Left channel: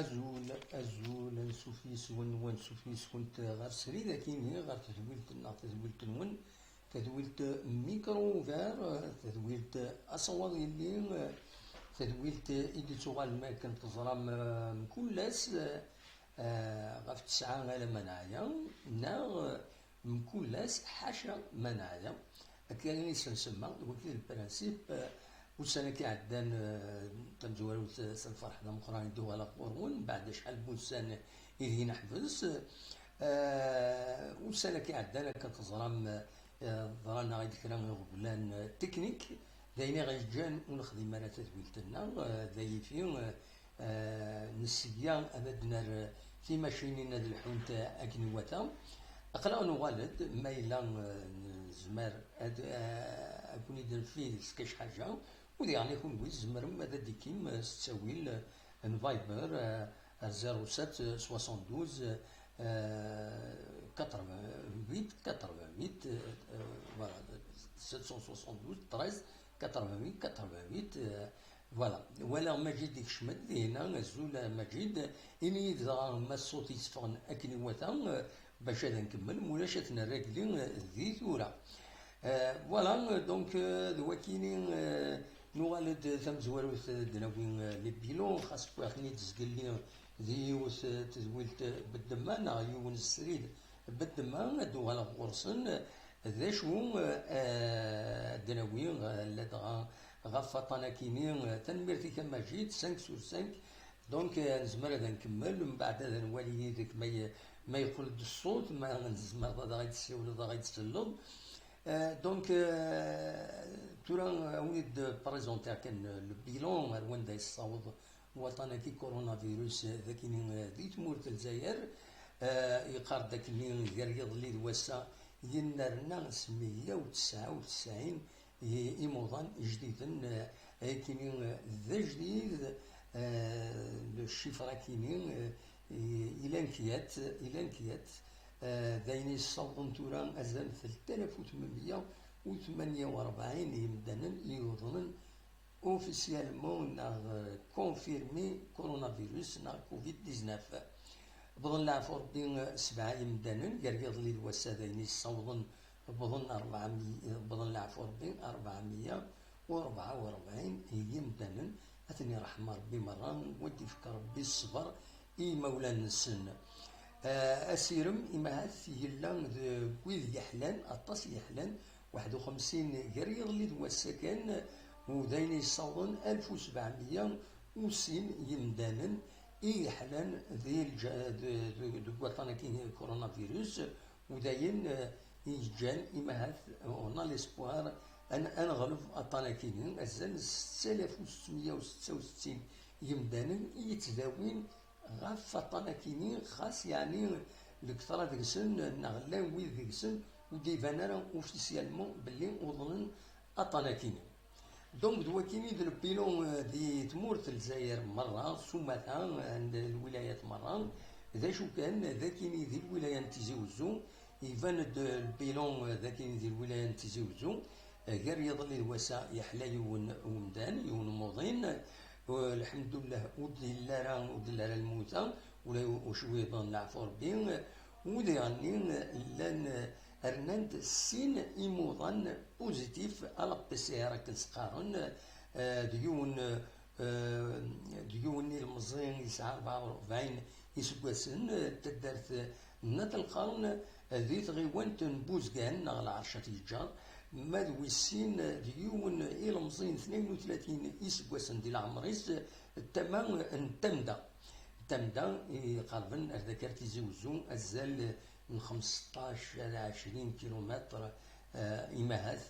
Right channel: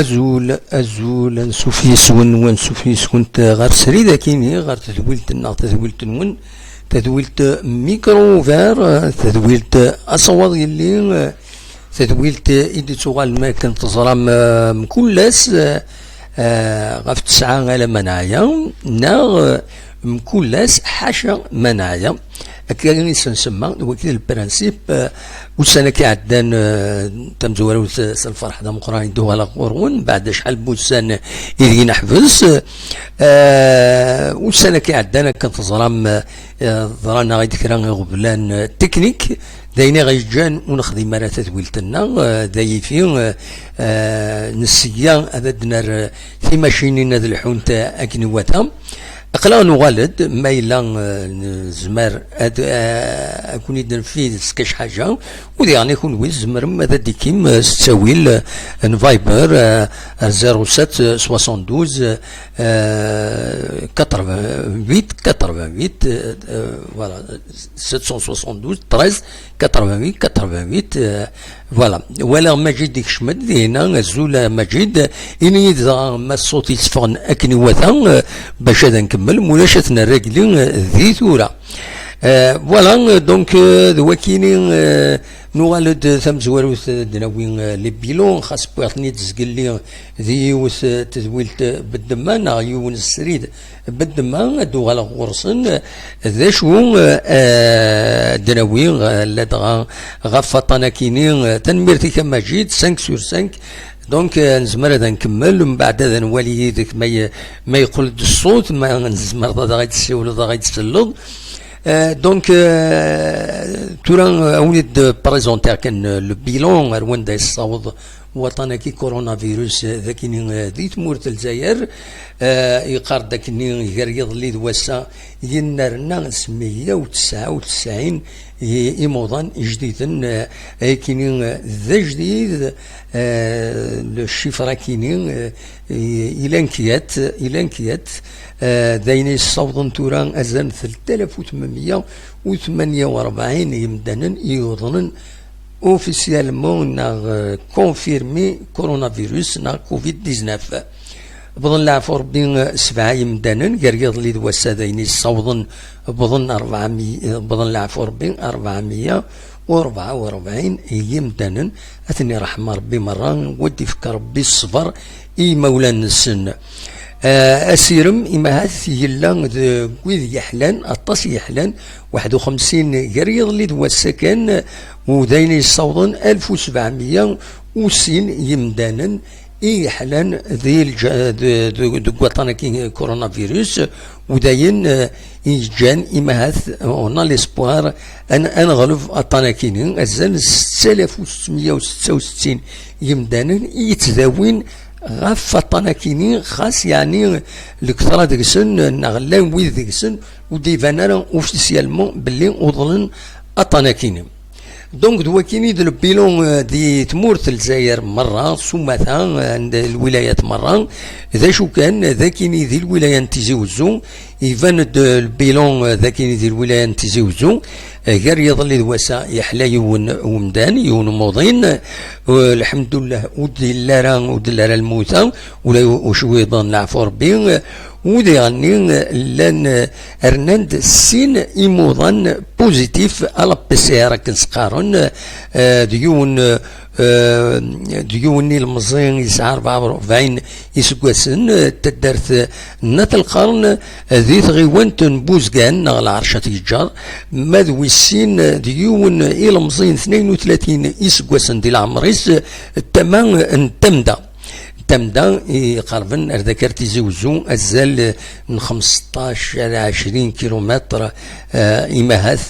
أزول نسوفيس ونسوفيس كنت غير سريدة كيني غير تدويلت نون تدويلت ميكرو فار تدويلت أصوات يلي تدويلت إدي تغال ما كنت تزرام مكلاس غف 9 على منايا ناغ مكلاس حاشا منايا أكيد نسمى وكيل البرانسيب وسنة كيعدان تمزورو الفرح دا مقران يدوها على قرون بعد شحال بوسان إذي نحبس وسنة كيعدان كانت ظرام ظرانا غير ذكران غبلان تكنيك داينا غيجان ونخدم مرات تدويلتنا داي فيه نسيا أبدنا في ماشينين ذا الحونت أكنواتها أقلا نغالد ما إلا زمر أكون يدنفيد سكاش حاجة ودي يعني يكون ويز زمر ماذا ديكيم ستاويل نفايبر 07 72 88 فوالا 772 13 88 88 فوالا ولا مجيد ديك شمد هنا زولا مجيد إني إذا ما الصوت يتفغن أكني وثا باش هذا نكمل مناشتنا الراجلين ذي ثورة فوالا دونك ذوكيني نوالد ثم زواروث دناوين لي بيلون خاص بوعطني تزقلي ذي يوث تذويلت بالدمان يون السريد بالدمان دو على غرسن ذا شو دناوين لدغا غفطنا كيني تنميرتي كما جيت 5 sur 5 دونك نزمر هذا نكمل ومن بعد هذا نولي ذاك ما يقول الصوت ما نزمر هذا غيتسول هذا غيتسلط دونك تورا ولد بريزونتير كان لو بيلون وين دا يصاوب وطنا كي كورونا فيروس ذاكني ذي تمورت الجزائر يقار ذاكني يقريض لي دواسا ينارنا نسميه 99 إيموضان جديدا كيني ذا جديد لو شيفرا كيني إلى انكيات دايني الصوت توران أزان 3848 يمدانا يوضنن اوفيسيالمون نا كونفيرمي كورونا فيروس نا كوفيد 19 بظن العفو ربي 7 يمدانا قريض لي دواسا دايني الصوت بظن 400 بظن العفو ربي 444 يمدانا أثني رحمة ربي مرة ودي فكر ربي الصبر إي مولانا السن أسيرم إما هاث يلا ويذ يحلان أطاس يحلان 51 قريض لي دوا السكن ودايني الصوضن 1760 يمدانا يحلان ذي دقوطانا كي كورونا فيروس وداين يجان إما هاث أونا ليسبوار أن غلف أطاناكينين أزال 6666 يمدانا يتذاوين غاف طناكيني خاص يعني الكثرة ديكسن نغلان ويد ديكسن ودي فانا اوفيسيالمون باللي وضلن الطناكيني دونك دواكيني دو البيلون دي تمورت الجزائر مرة ثم عند الولايات مرة ذا شو كان ذاكيني ذي الولاية تيزي وزو يفان البيلون ذاكيني ذي الولاية تيزي وزو غير يظل دواسا يحلى يون ومدان يون موضين والحمد لله ودلارا الموتى ولا وشويضا العفو ربي ودي غني لان ارناند سين ايموضان بوزيتيف على بي سي ار كنسقارن ديوني المزين يسعى 44 يسقسن تدرت نات القرن ذي غيوان تنبوزكان على عرشة الجار ماذ ويسين ديون إلى مزين 32 يسقسن دي العمريس التمام انتمدا قربا ذكر تيزي وزو أزال من 15 إلى 20 كيلومتر إماهات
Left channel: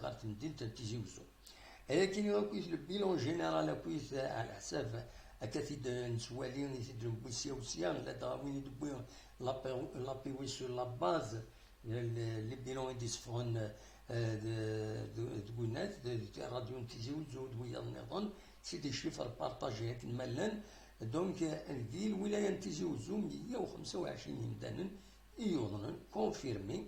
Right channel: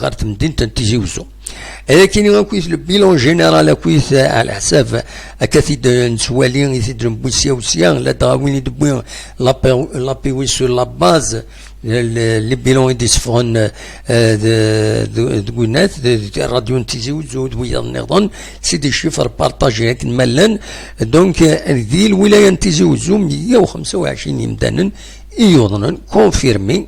غارت مدينة تيزي وزو لكن يكويس البيلون جينيرال كويس على حساب أكثيد نسوالين يثيد نبوسيا وسيا لا تغاوين يدبوين لابيوي سور لا باز لي بيلون يديسفون دوينات راديو نتيزي وزود ويا النظام سي دي شيفر بارطاجي هاك مالان دونك ذي الولاية نتيزي وزو 125 يمدانا يوضنا كونفيرمي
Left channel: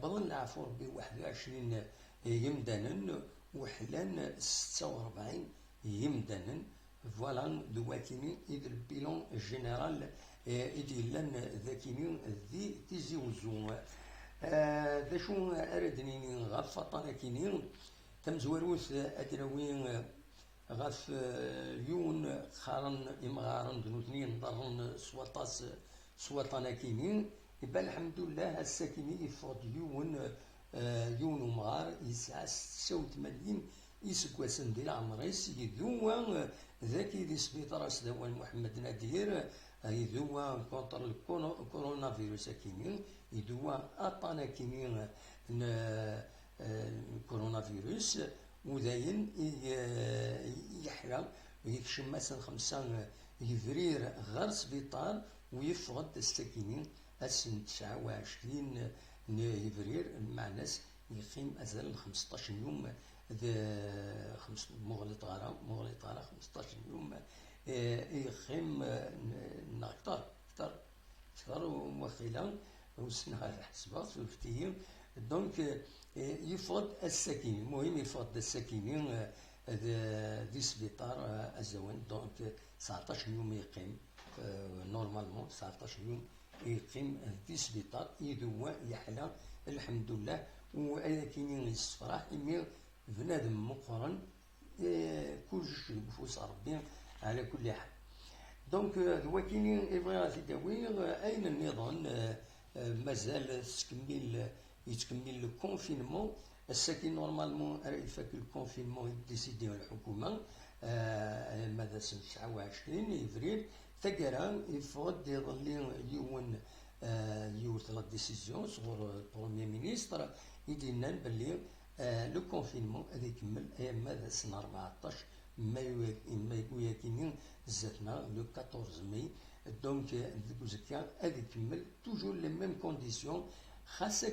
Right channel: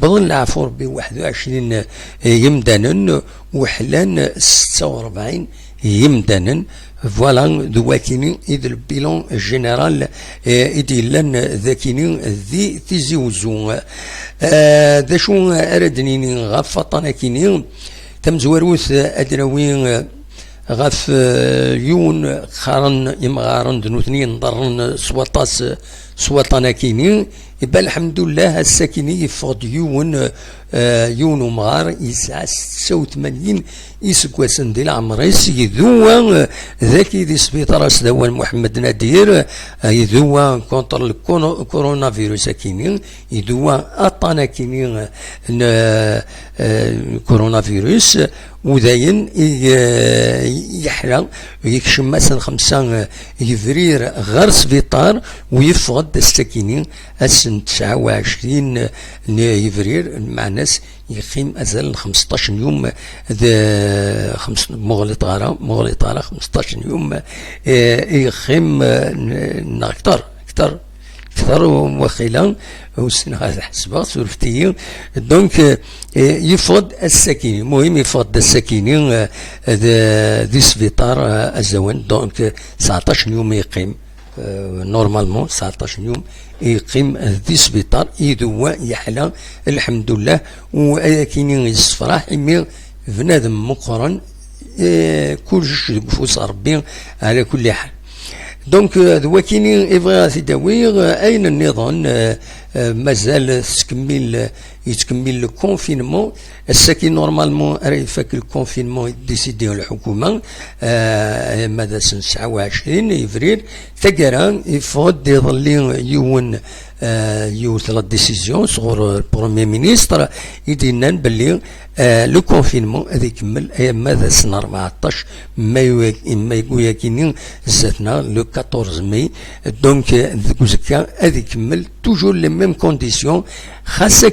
بظن العفو ب 21 يمدانا وحلان 46 يمدانا فوالا دواكيني إذ البيلون جينيرال إذ لان ذاكيني ذي تيزي وزو ذا شو أردنيني غفطانا كيني تمزوروث أدراوين غف يون خارن يمغارن دنوثنين ضرن سواطانا كيني يبقى الحمد لله الساكني يفقد يون ومغار يسعى 86 يسكواسن ديال عمريس يذوى ذاكي دي سبيطار سدوان محمد نادير يذوى كونتر الكورونا فيروس كيني يذوى اطانا كيني كورونا فيروس وداين يحرى يكشم مثلا 5 يفرير غير سبيطار ويفقد الساكنين السن 29 يفرير مع ناس يقيم أزال 15 يوم مغلط غارة 15 يوم يقيم أكثر وخيلا وسنة هذا حسبة سورفتي دونك يفقد الساكنين المهم يفقد الساكنين دي سبيطار الزوان دونك 19 يوم يقيم نورمالمون 19 يوم يقيم ذي سبيطار يدوى يحلى الحمد لله ولكن يصفراح يمي بنادم مقرن كل شيء بفوس ربي على كل حال دونك ذوكيني يبغى تداوي اين النظام مازال يتكمل الكونفينمون الساكن نورمالمون راه يفك الكونفينمون ديسيديو الحكومه ماذا سنه 29 افريل تقرا يفوض يظل يون يوث لا ديسيزيون صغور البروميير مينيستر يدينا باللي لو كونفينمون هذا يكمل ماذا سنه 14 مايو يكينين زاتنا لو 14 ماي دونك ذكا هذا يكمل توجور لي ميم كونديسيون خاصة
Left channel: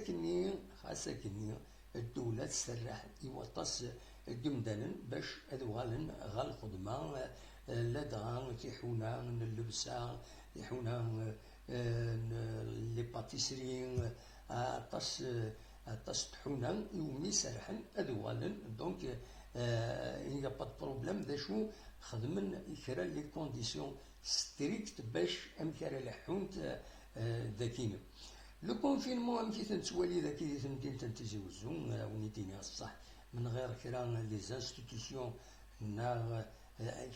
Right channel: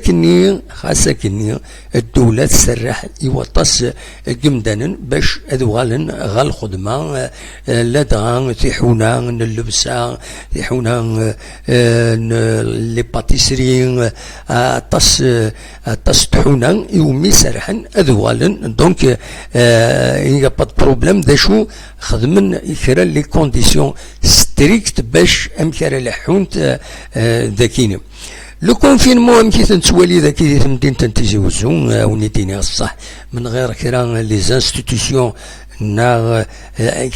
كني الدولة تسرح يوطس جمدانا باش أذوالن غا الخدمة لا دغا تيحونا اللبسة تيحونا لي باتيسري طاس تحونا يومي سرحن أذوالن دونك يا با بروبليم دا شو خدمن كرا لي كونديسيون ستريكت باش أمكرا لحونت ذاكيني لو كونفينمون يمكن تنتوالي ذاك مدينة تنتيجي وزون ونيتيني الصح من غير كرا لي زانستيتيسيون نا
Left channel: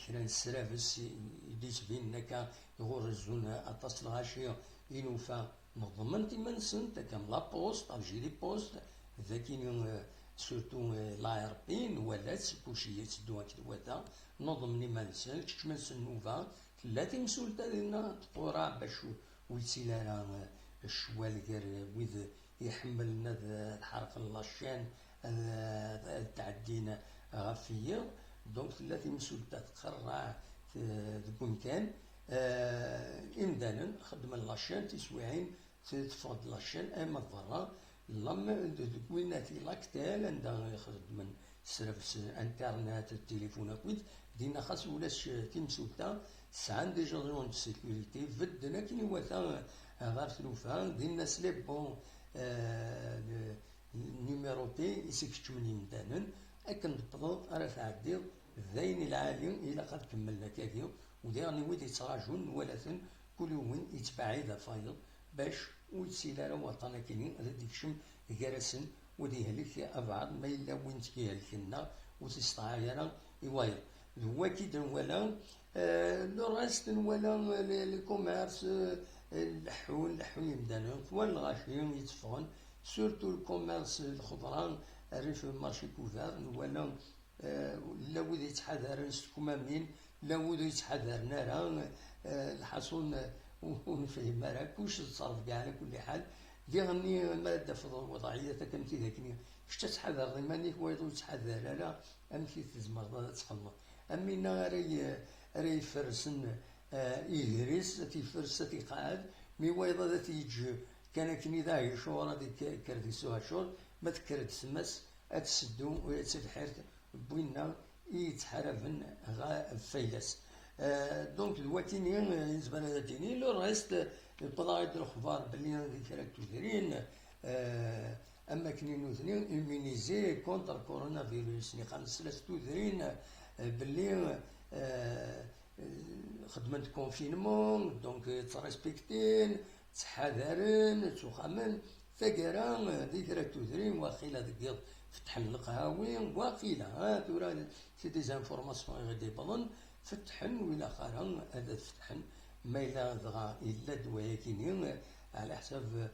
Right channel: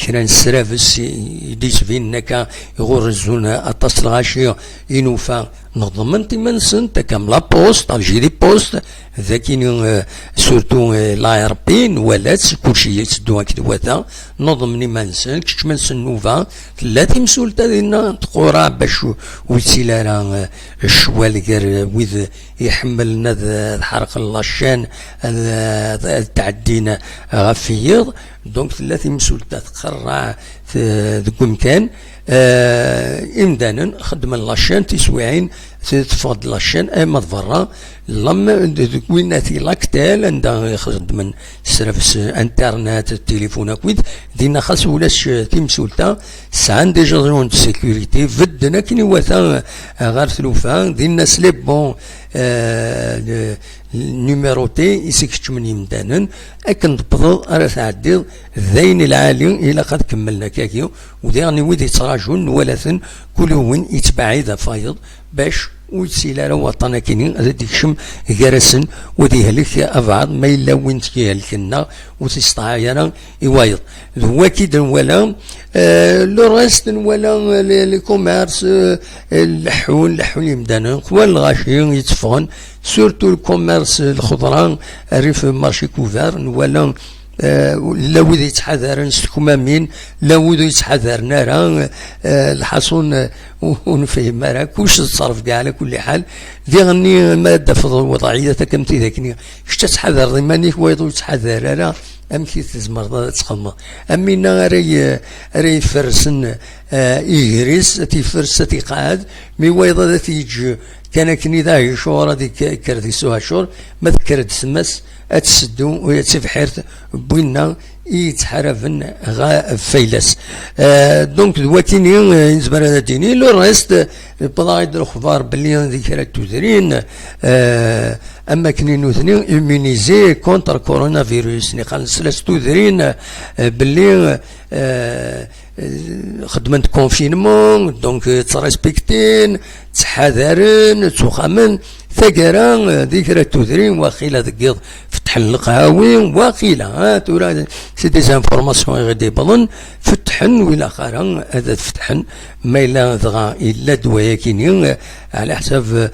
كرا سرافس يديس فين نكا يغرزون اطاس الغاشية ينوفا نضمن تمنسن تكام لا بوست الجيري بوست ذاكين سورتو لايربين ولات كلشي يتسدو هكذا وثا نضمني منسن كش منسن نوفا ثلاث مسولتا دينا تقورا باش ويتسيلا الشوال كار ويذ يحملنا الحرق لاشان تعدينا غفيض دونك ثلاث مسولتا تقرع ذوك مكان امدانا خدم لاشين تسويعين تفقد لاشين اما ضرا لما ويناتي لاكتال عندها يخرج من سيرفس انترنت التليفون اكويد دينا خاص ولاش تيمسولتا سعان ديجا زون دو سيكوريتي فدنا كني واثا غير ثلوفا دينا سليب بون نيميروتي يسكتش من يمدانا اكن تبضل راه تعدي ذين العالي الى قد كملنا كاكيو وديرني ويد يتراجون ولاثن كل وين يتبع ذا فايض باش ويتسيلا وطنا كينين هذا ديكشم جرسن ودي هلك ابعض ما الا وين تيهلكنا وتستعايرا يوايض هو كيد ولا لو ريست ولا لي كوميرس اللحون يمدانا هو الغاشي يتفون سورتو الكوميرس الخضران ريف مارشي كوفار ولا لا وذ يتحذر نستكمامين لا وذ يتحذر نارا الحصون ونفهم راه كلش تصرف كاع على كل حال ذي غني ماده في الوضعيه كمتي ذاكني اش تتحذر ضمانيك ويضو يتحذر راه امكي تزمر تسقم امينا راي فرسن يجريس تيفرس تيقعد مي ويضا تيجي كان كني ذا شهور هذيك كردي سوها شهور ما ذكرت سمس اتسدو ويتفحرت بوينا يتحرفن غا فيلس دونك دواتيني يزبر هذا ديني لو ريست بضايد الاخبار باللي ذكرت تدرين اما كني نوثني امينيزي كونتر كورونا فيروس نقال سلاس تودرين باللي خدمة كونفينمون دونك تريسبكتين تحذرن تخمن ثقرا ذكرى تودرين واخيلا ذكيض فتح القهاوي واخيلا تورا سي دي زانفورماسيون غادي بظن فتحن ولا خارا هذا فتحن ما الا ضغا الا دوايا كيني على حساب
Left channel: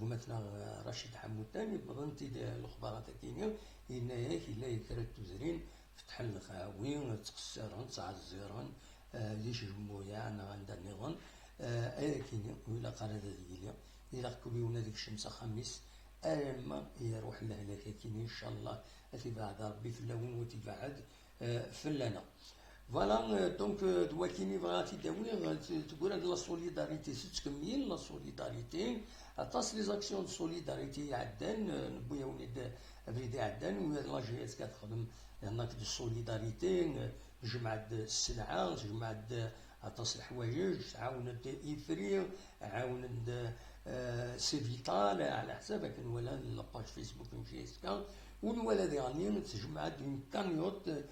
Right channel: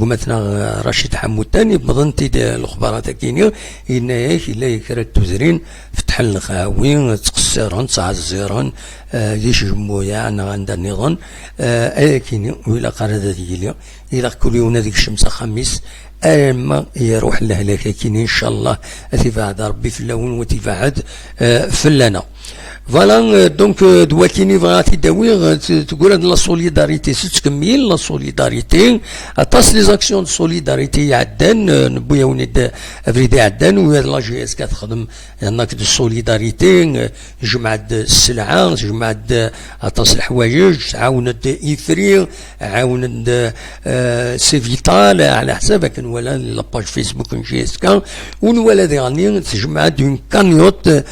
قمتنا رشيد حمود تاني بظن تيدي الاخبارات كيني إن الا يكرا تودرين فتح القهاوي تقصرن تعزرن ديش جمويا انا عند النظام كيني ولا قرادة ديالي الى كل يوم هذيك الشمس خميس اما يروح لهلاك كيني ان شاء الله تفاعد ربي في اللون وتفاعد فلانا فوالا دونك دواتيني بغاتي داوي تقول هاد لا سوليداريتي تكمل لا سوليداريتي اطاس لي زاكسيون دو سوليداريتي عدان نبويا ونيد افريدي عدان وهاد لا جي اس كتخدم هناك دو سوليداريتي جمعة السلعة جمعة اطاس الحوايج عاونت ايفري عاونت سي فيتال على حسابك ولا لاباج فيسبوك جي اس كا ونولا ديغاني تجمع دون كانيوت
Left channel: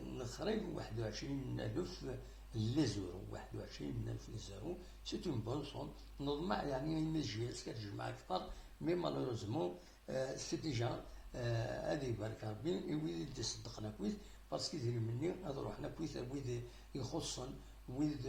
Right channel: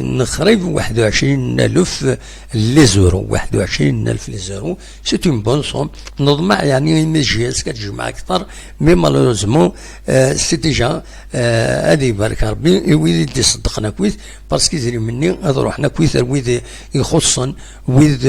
نخرج 21,000 لي زورو 21,000 لي زورو سي اون بون سوم نضمع يعني ميجيس كتجمع اكثر مي مالوروزمون سي ديجا هذه يبارك ربي ويد يصدقنا كويس باسكو يزري مني هذا روحنا كويس ويد يخصن ويد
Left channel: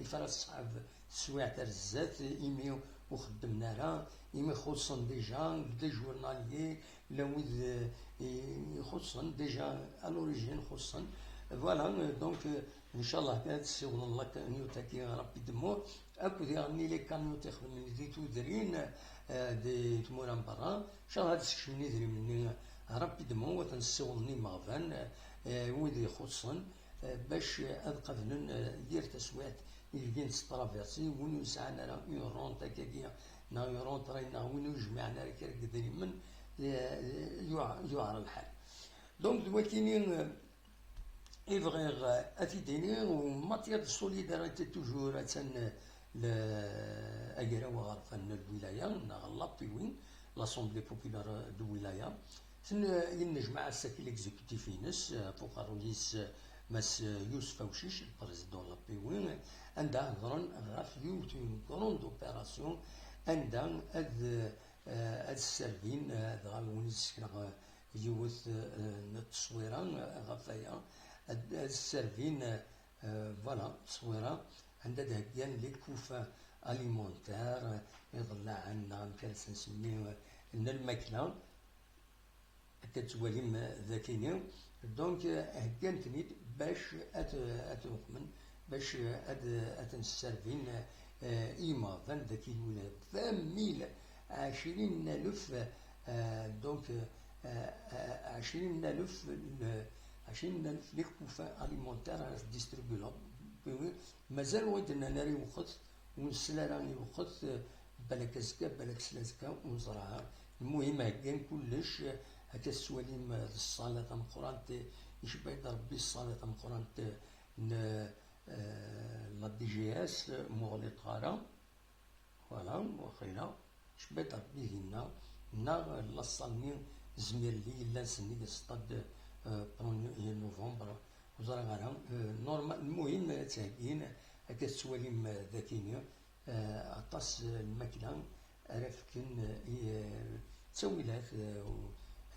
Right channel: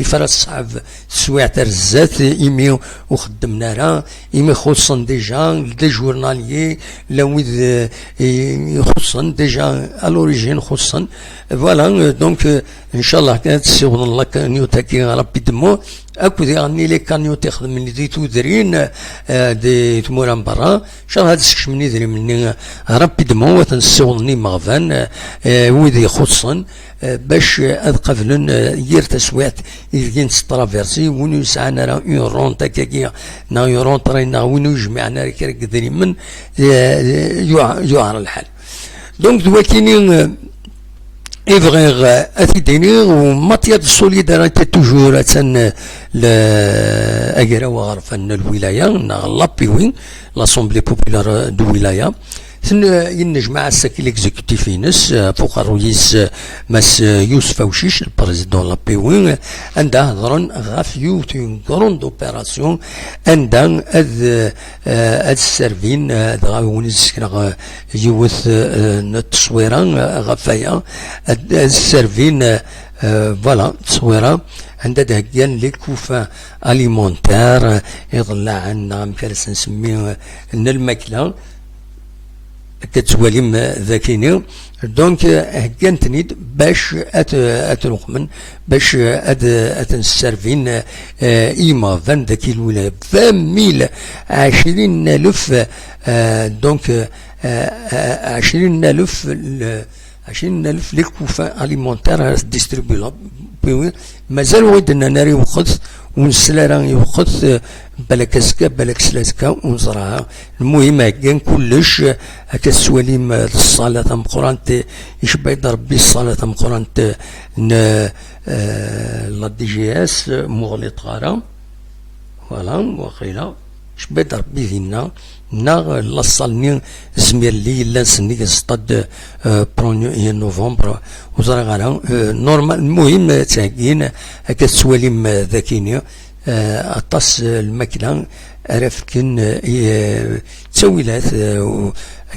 يفرس صعب سواع ترزات ايمي وخدمنا راه ايمي خصن ديجا دي جورناليي لا ويد يخصن ديجا الوريجين خصن فوالا دونك ان شاء الله كانت تسيغن الله كانيو تاكي ربي دمو اكو ديغني لي كانيو تخدم من دي تودرين دي تمورا برا ان شاء الله هاد السكش مني دري مني ربي دمو وتنسيغني مغفان ويدي خصن باش اذ قبلن يير تسويات يلقين ترافيرسي ونو يسعنا راه اون رون تاكاكيا نا اون رون ترينا ونو يجمعنا كرك دري من يعار الحال دونك دواكيني إفغيغ أثيديني وماتيا دو سوليداريتي توجور أتسن لأجرا وغرفان الولاية لابيوين لاسومبلي بوبولار دو ولاية ينجمع الساكي ليكزيكوتيف ينس فوق الرئيس ماس يوسف وشيش البريزيدون لابيوين عندها هضرن غاف يوت اون كروند اوبيراسيون عندها هاد السيرفين غاون يسكن يوث التصويره غفايا هاد السيرفين فوالا تصويره عندها دهكيان لي كوفا اليمونتير يطلع عنا مكرس نسميه الماكله كتواليم ذاكيني دونك هكانتني باش اترقمن باش اتنسرفين ايما فان ذاكي الولاية 20,000 20,000 دونك 20,000 لي كوفا اليمونتير ديستريبيو مازال ودنا ناري وخذ ونسلا يوخذ بالك اسكا بالك سلاسكا ونزرعها المهم كان كلش هكا السواليم الصلاة تم قران يشبه ربي الصلاة تم قران لا دي جي اس مغلط غارة فوالا وخيلا شبه ربي فينا نا لاصالني زمير لي لا نسني كنصطاد برونيو نوفمبر وزرا غالا نورمال المهم تاكين هكا السواليم ذاكيني اطاس الماكله رافكن تسويلات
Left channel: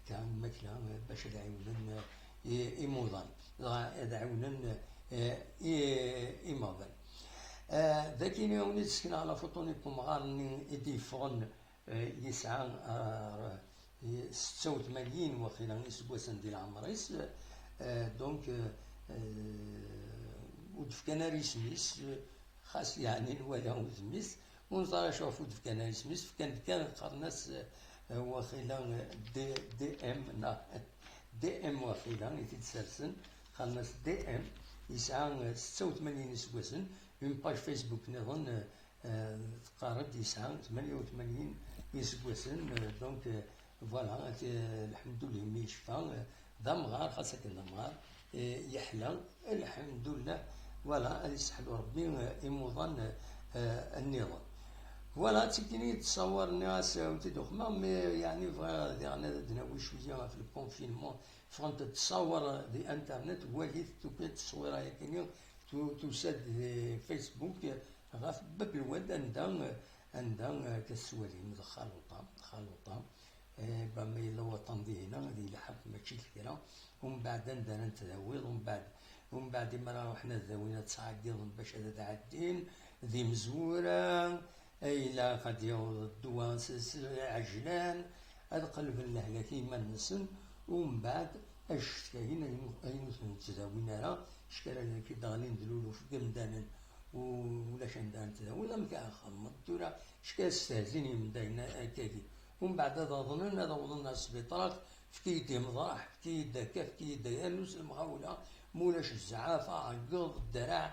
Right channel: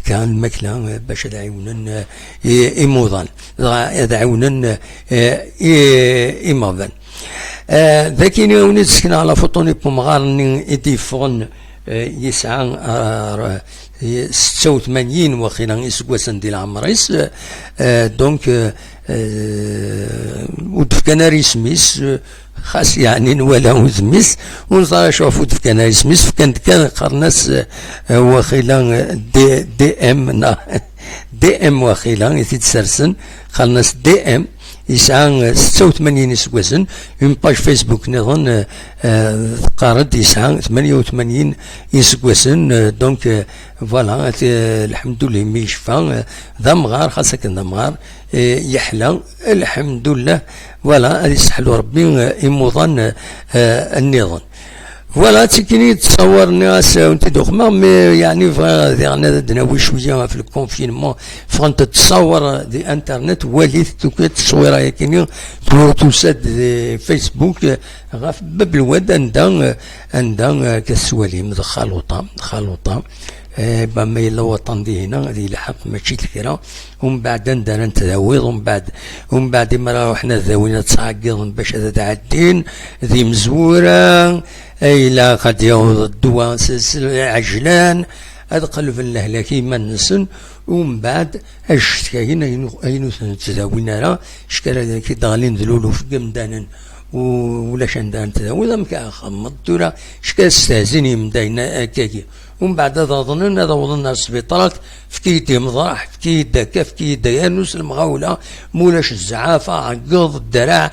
كان الماكله باش تعاونن ايموضان تعاونن ايموضان ذاكيني ونسكن على فوطوني بومغارني ايديفون يسعى 86 وخيلا يسكواسن ديال عمريس دونك ودفكنا سميس خاص يعني نوالا زميس ونصار شوفو دفكنا سميس كان قرناس وخيلا دي ام دي ام وخيلا يتسرسن قرناس دي ام يسعى 86 سكواسن اون باج فيسبوك نظن قارد يسعى 88 سكواسن دونك فوالا الحمد لله مي يشفى ذا مغار خاصك ذا مغار يحلى الحمد لله فوالا هذه يسحلو ربي يموضن النظام فوالا تكني تصور ناس وانت دوخما مي يعني فغادي دناوي شويه في الكونفينمون فانت تصور دي انترنت وليت توكيت التصويره يكني توسد فيسبوك غاف باب الواد عندها كسوالي خلوطه بما يلا وطن دي هنا هذه الحق ماشي الكرا ومن بعد ندار نتداوض ومن بعد ما روحنا ذاوينا تصاقض باش هذا تعدين ذي مزوره اي لا قد يوض الدواء عجلان هذا قلب الله كيما نسن ومن بعد اش كاين اينو تداوينا راه شكرا كي ضالين ذلولو في قمدانا ولا شندان تداوي مكا خمض دورا شكا استهزني من داينا كاكي ومن بعد هذا ظننا هذا وظننا السبيطرات في كيدي مضراح في كيدا كاف في كيدا يانوس المغاولة مولاش الزعافة عقض الدراع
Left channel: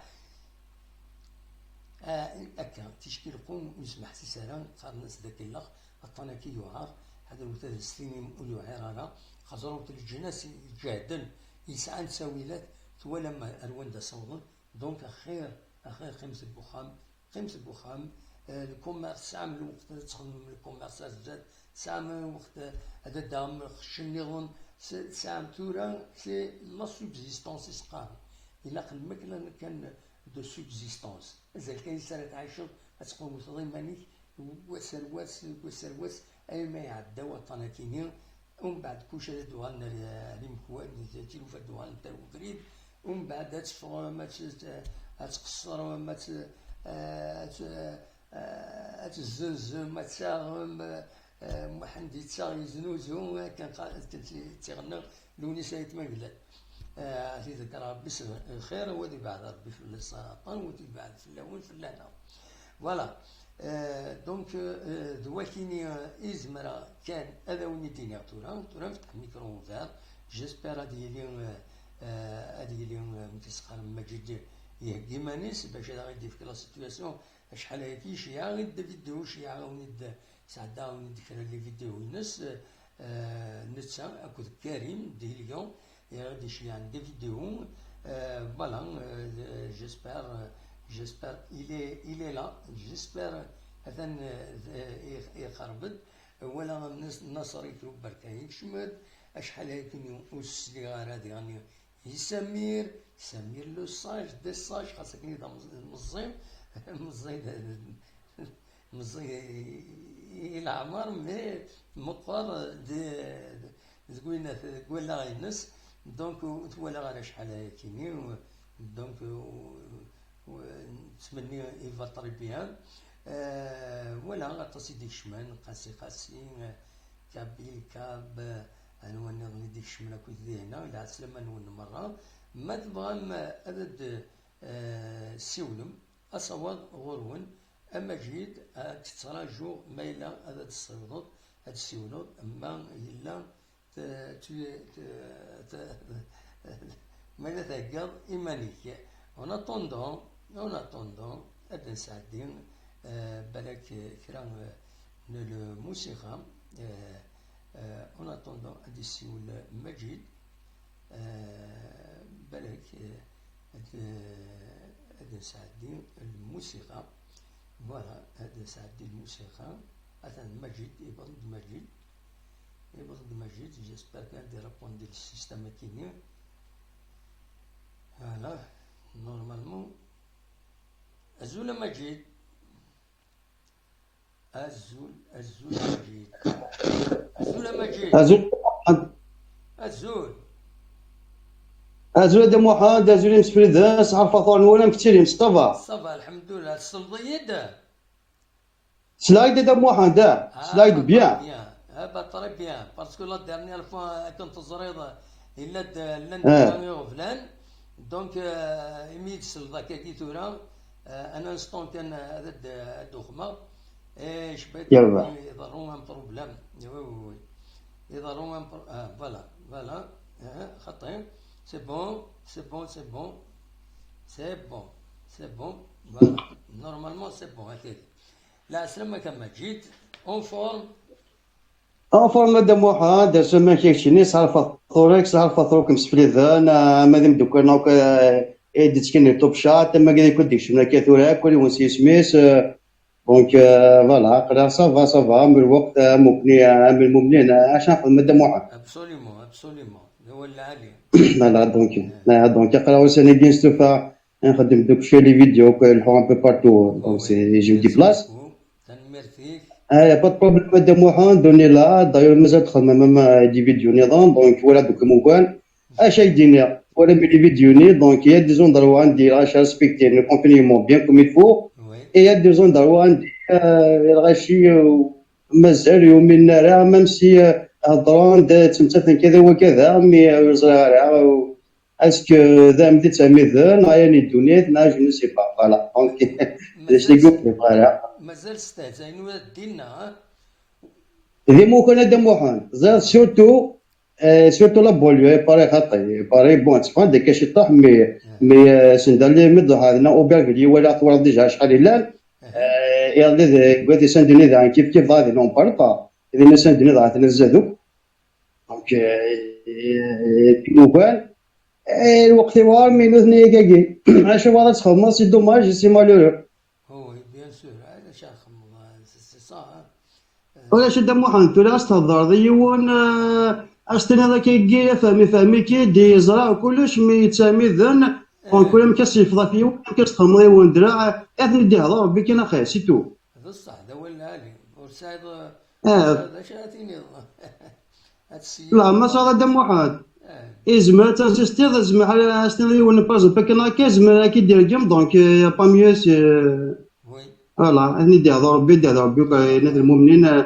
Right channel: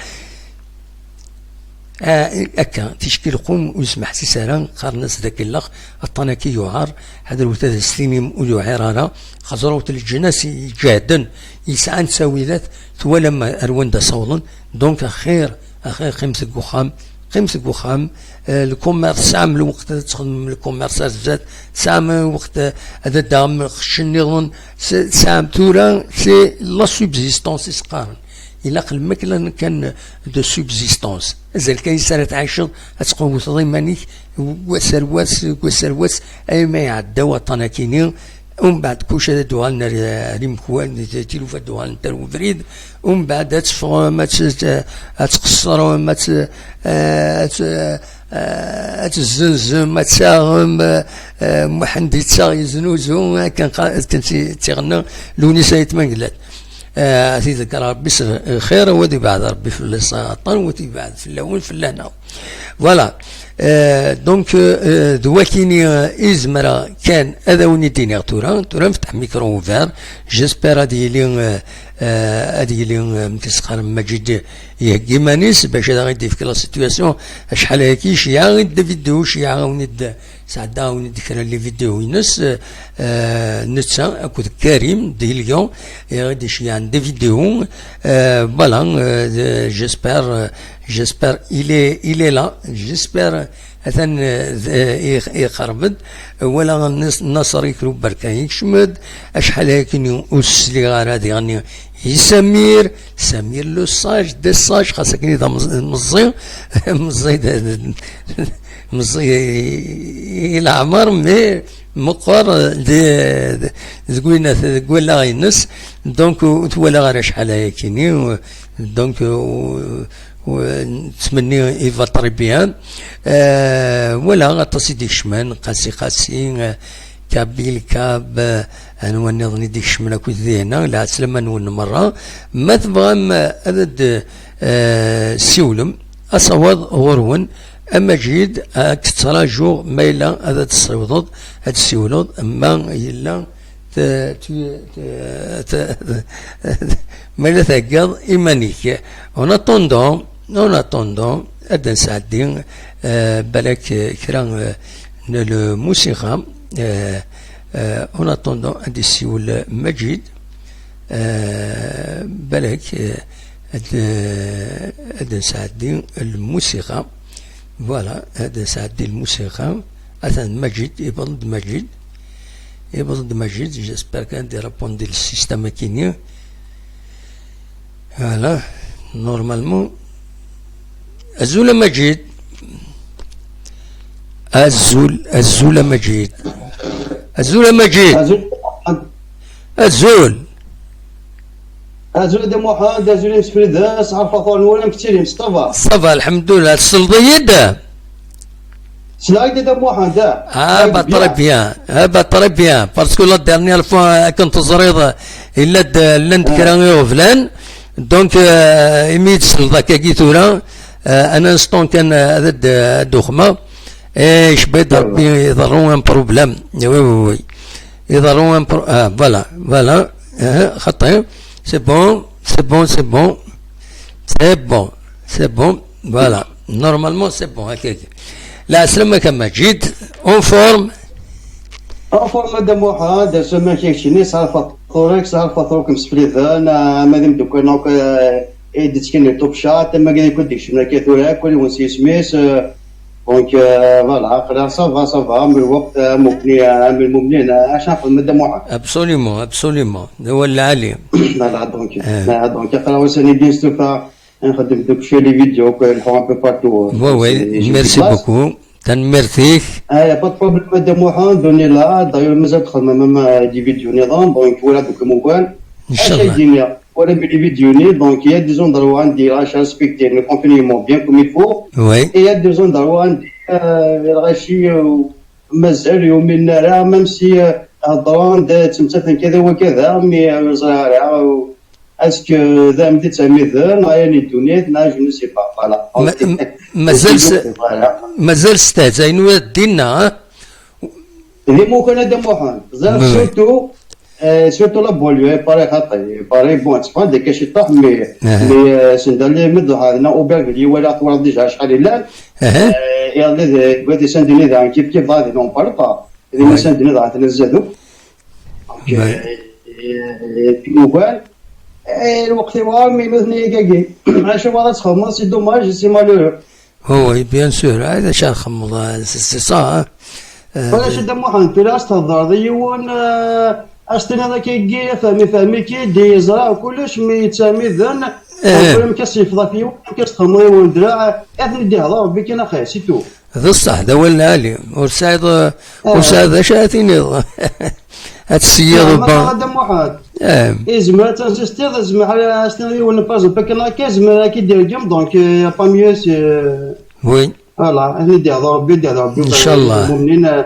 أكا تشكيل قوم ويسمح سيساران قارنس ذاك اللخ الطناكي يعار هذا الوتاد السليني مولو عرارة خزروت الجناس جادا يسعان ساويلات ثوالا ما أروان صولن دونك خير قيمتك وخام الكوميرس سام الوقت تخدم الكوميرس زاد سام وقت هذا دام خشنيغن سام تورا سي لا سوبزيستونس يسقارن إلا الماكلة كان دو سوبزيستونس زال كاين سنة تعيشض تقوم ضيمانيك وسرواس أي ما يعدى وطنا كيني ومن بعد كوش هذا دوالنا ريمكوان تيلوفا دوال نتاع فريد ومن بعد تفغ ما تقصر وما تزنزم ما تساهم محندي تساغ يزنوزو كان تيغنى لونيسا يتمنقلات تذكر ربي خير ودي بعد ربي في السرطان ودي بعد في اللون في اللهنا فوالا دونك دواكيني إزمرا كان هذا وني دينيغ تورا نفتح ميكرو اوفير جيسبير هادي لي متسخر مجد يهكي مانيس باش هذا غيدي في كلا سيتواسيون شحال هاكي شيعة غيدا فيديو شيعة وني سعدا وني كرا لي فيديو ينس نتسا اكود كريم دي اليوم غادي شي عندي فيديو فوالا جيسبر il est là جيسبر اثن يقربد ولا النصر يكرو بركا يكشمد اشحال هاكي اسلي غير هادي غني سمير لو ساج دي ساج خاصك نيدا مزي العمر مي مقر تقولنا تقول لا ينس دونك ولا غير شحال هاكيني دونك ونتمنى يفطر بيان ولا غطاسي ديك شمان قاسي كابيل كاب انا نظني ديك شمان اكو ذينا لا سلام نون مره ما تبغى هذا سيولم اصوات غرون اما جيد تتراجو ميلا هذا تصوض هذا السيولود اما يلا ميلا ثقل ايمانيك اون اتوندون هذا نساعدين بالك كرا الموسيقى اون اتوندون هذا السيول مجيد بالك هذا نساعدين الموسيقى فوالا هذا سعدي الموسيقى أثن مجيد يبرد مجيد جيسبر كان دي رابوندي للسيستم كينيا فوالا نورمالمون الزول مجيد ازول دي محمد ازول مسفرد صعب فاطور ولا كثير مصطفى الحمد لله الصلديه دا سلايد دي محمد با بيان باسكو لا ديرنيير فوا كنت زريضه الا لند كراني فلان دونك ايميت صلدا كي ثورا انا انستون كان هذا الدخمه ايش بيد ربي يضرون ان بروبليم وي يضرون فوالا خطير c'est bon, voilà, normalement c'est bon, ok. La سلامة كما جيت اون فورم دا موحا دا سما كيكشيني صار فطورك صار فطورك مسفليثا انا مادام دوك نوك ايديت كاين توب شات ما قال يكون ديك شنو كيثورا كل ونسي سميس دونك فوالا قرا صافا من الوقت مبني انا اش نقول ماده موحد ابسوليومون هو العالي. فوالا دونك قراو سني بيان ستوفا نخدم دوك في لي فيديو نحو ان بو بارتو. وي ميرسي بوكو تنمرتيك. با بروبليم ماده موحد دوني لا داير مازال تدخل مام دي فيديو نظام دونك ولا دوك موكان اش يدينا ولا بلي فيديوني دونك يا دي زون دروا عندي اش ريسبكتي لو كونفينيمون بيان كوم يفو. وي يا دي زون دروا عندي الغاشي مازال يومين راه ميم سي هضران تمثل كذا وكذا مي زرارة اسكو ذا مدي تسميذن يعني الدنيا نا جو نو سي با فوالا مازال ستازاينو دينا اللي ممكن هذا موحد زاد سورتو سورتو لا بوليو باري خاطي باري بون تفهم ديك شي طاح مي سندالي مدو هذا اوبرغلي ولا طور ديجا شحال لا يا بغيتي سندني ذا كيف غادي نون بار با اذا ما سندني ذا تنزادو موكان الوقت وار مي مثني كاكي علاش هو تخمم سي دوماج سي مالورو. هو بيان سور هذا شا نخمم سي صا ولا شد موحد في استهضر ديون اشتني هذا كيجي فهمي كي دي زرع وكلش مي تسامي ذن وكل كيصيفض فيه كيستخمر وندرا اثني دي هضر ربي كاين اخي سي تو. هذا الصح هذا هو العالي وسعد شاتيني هاد السيارة ما هذا موحد يزمر تنسيستي زعما استني ون باز بكنا كيزمر كي دير جيم دونك با ميو سي وي فوالا اثني دي هضر ربي ان شاء الله المؤمنين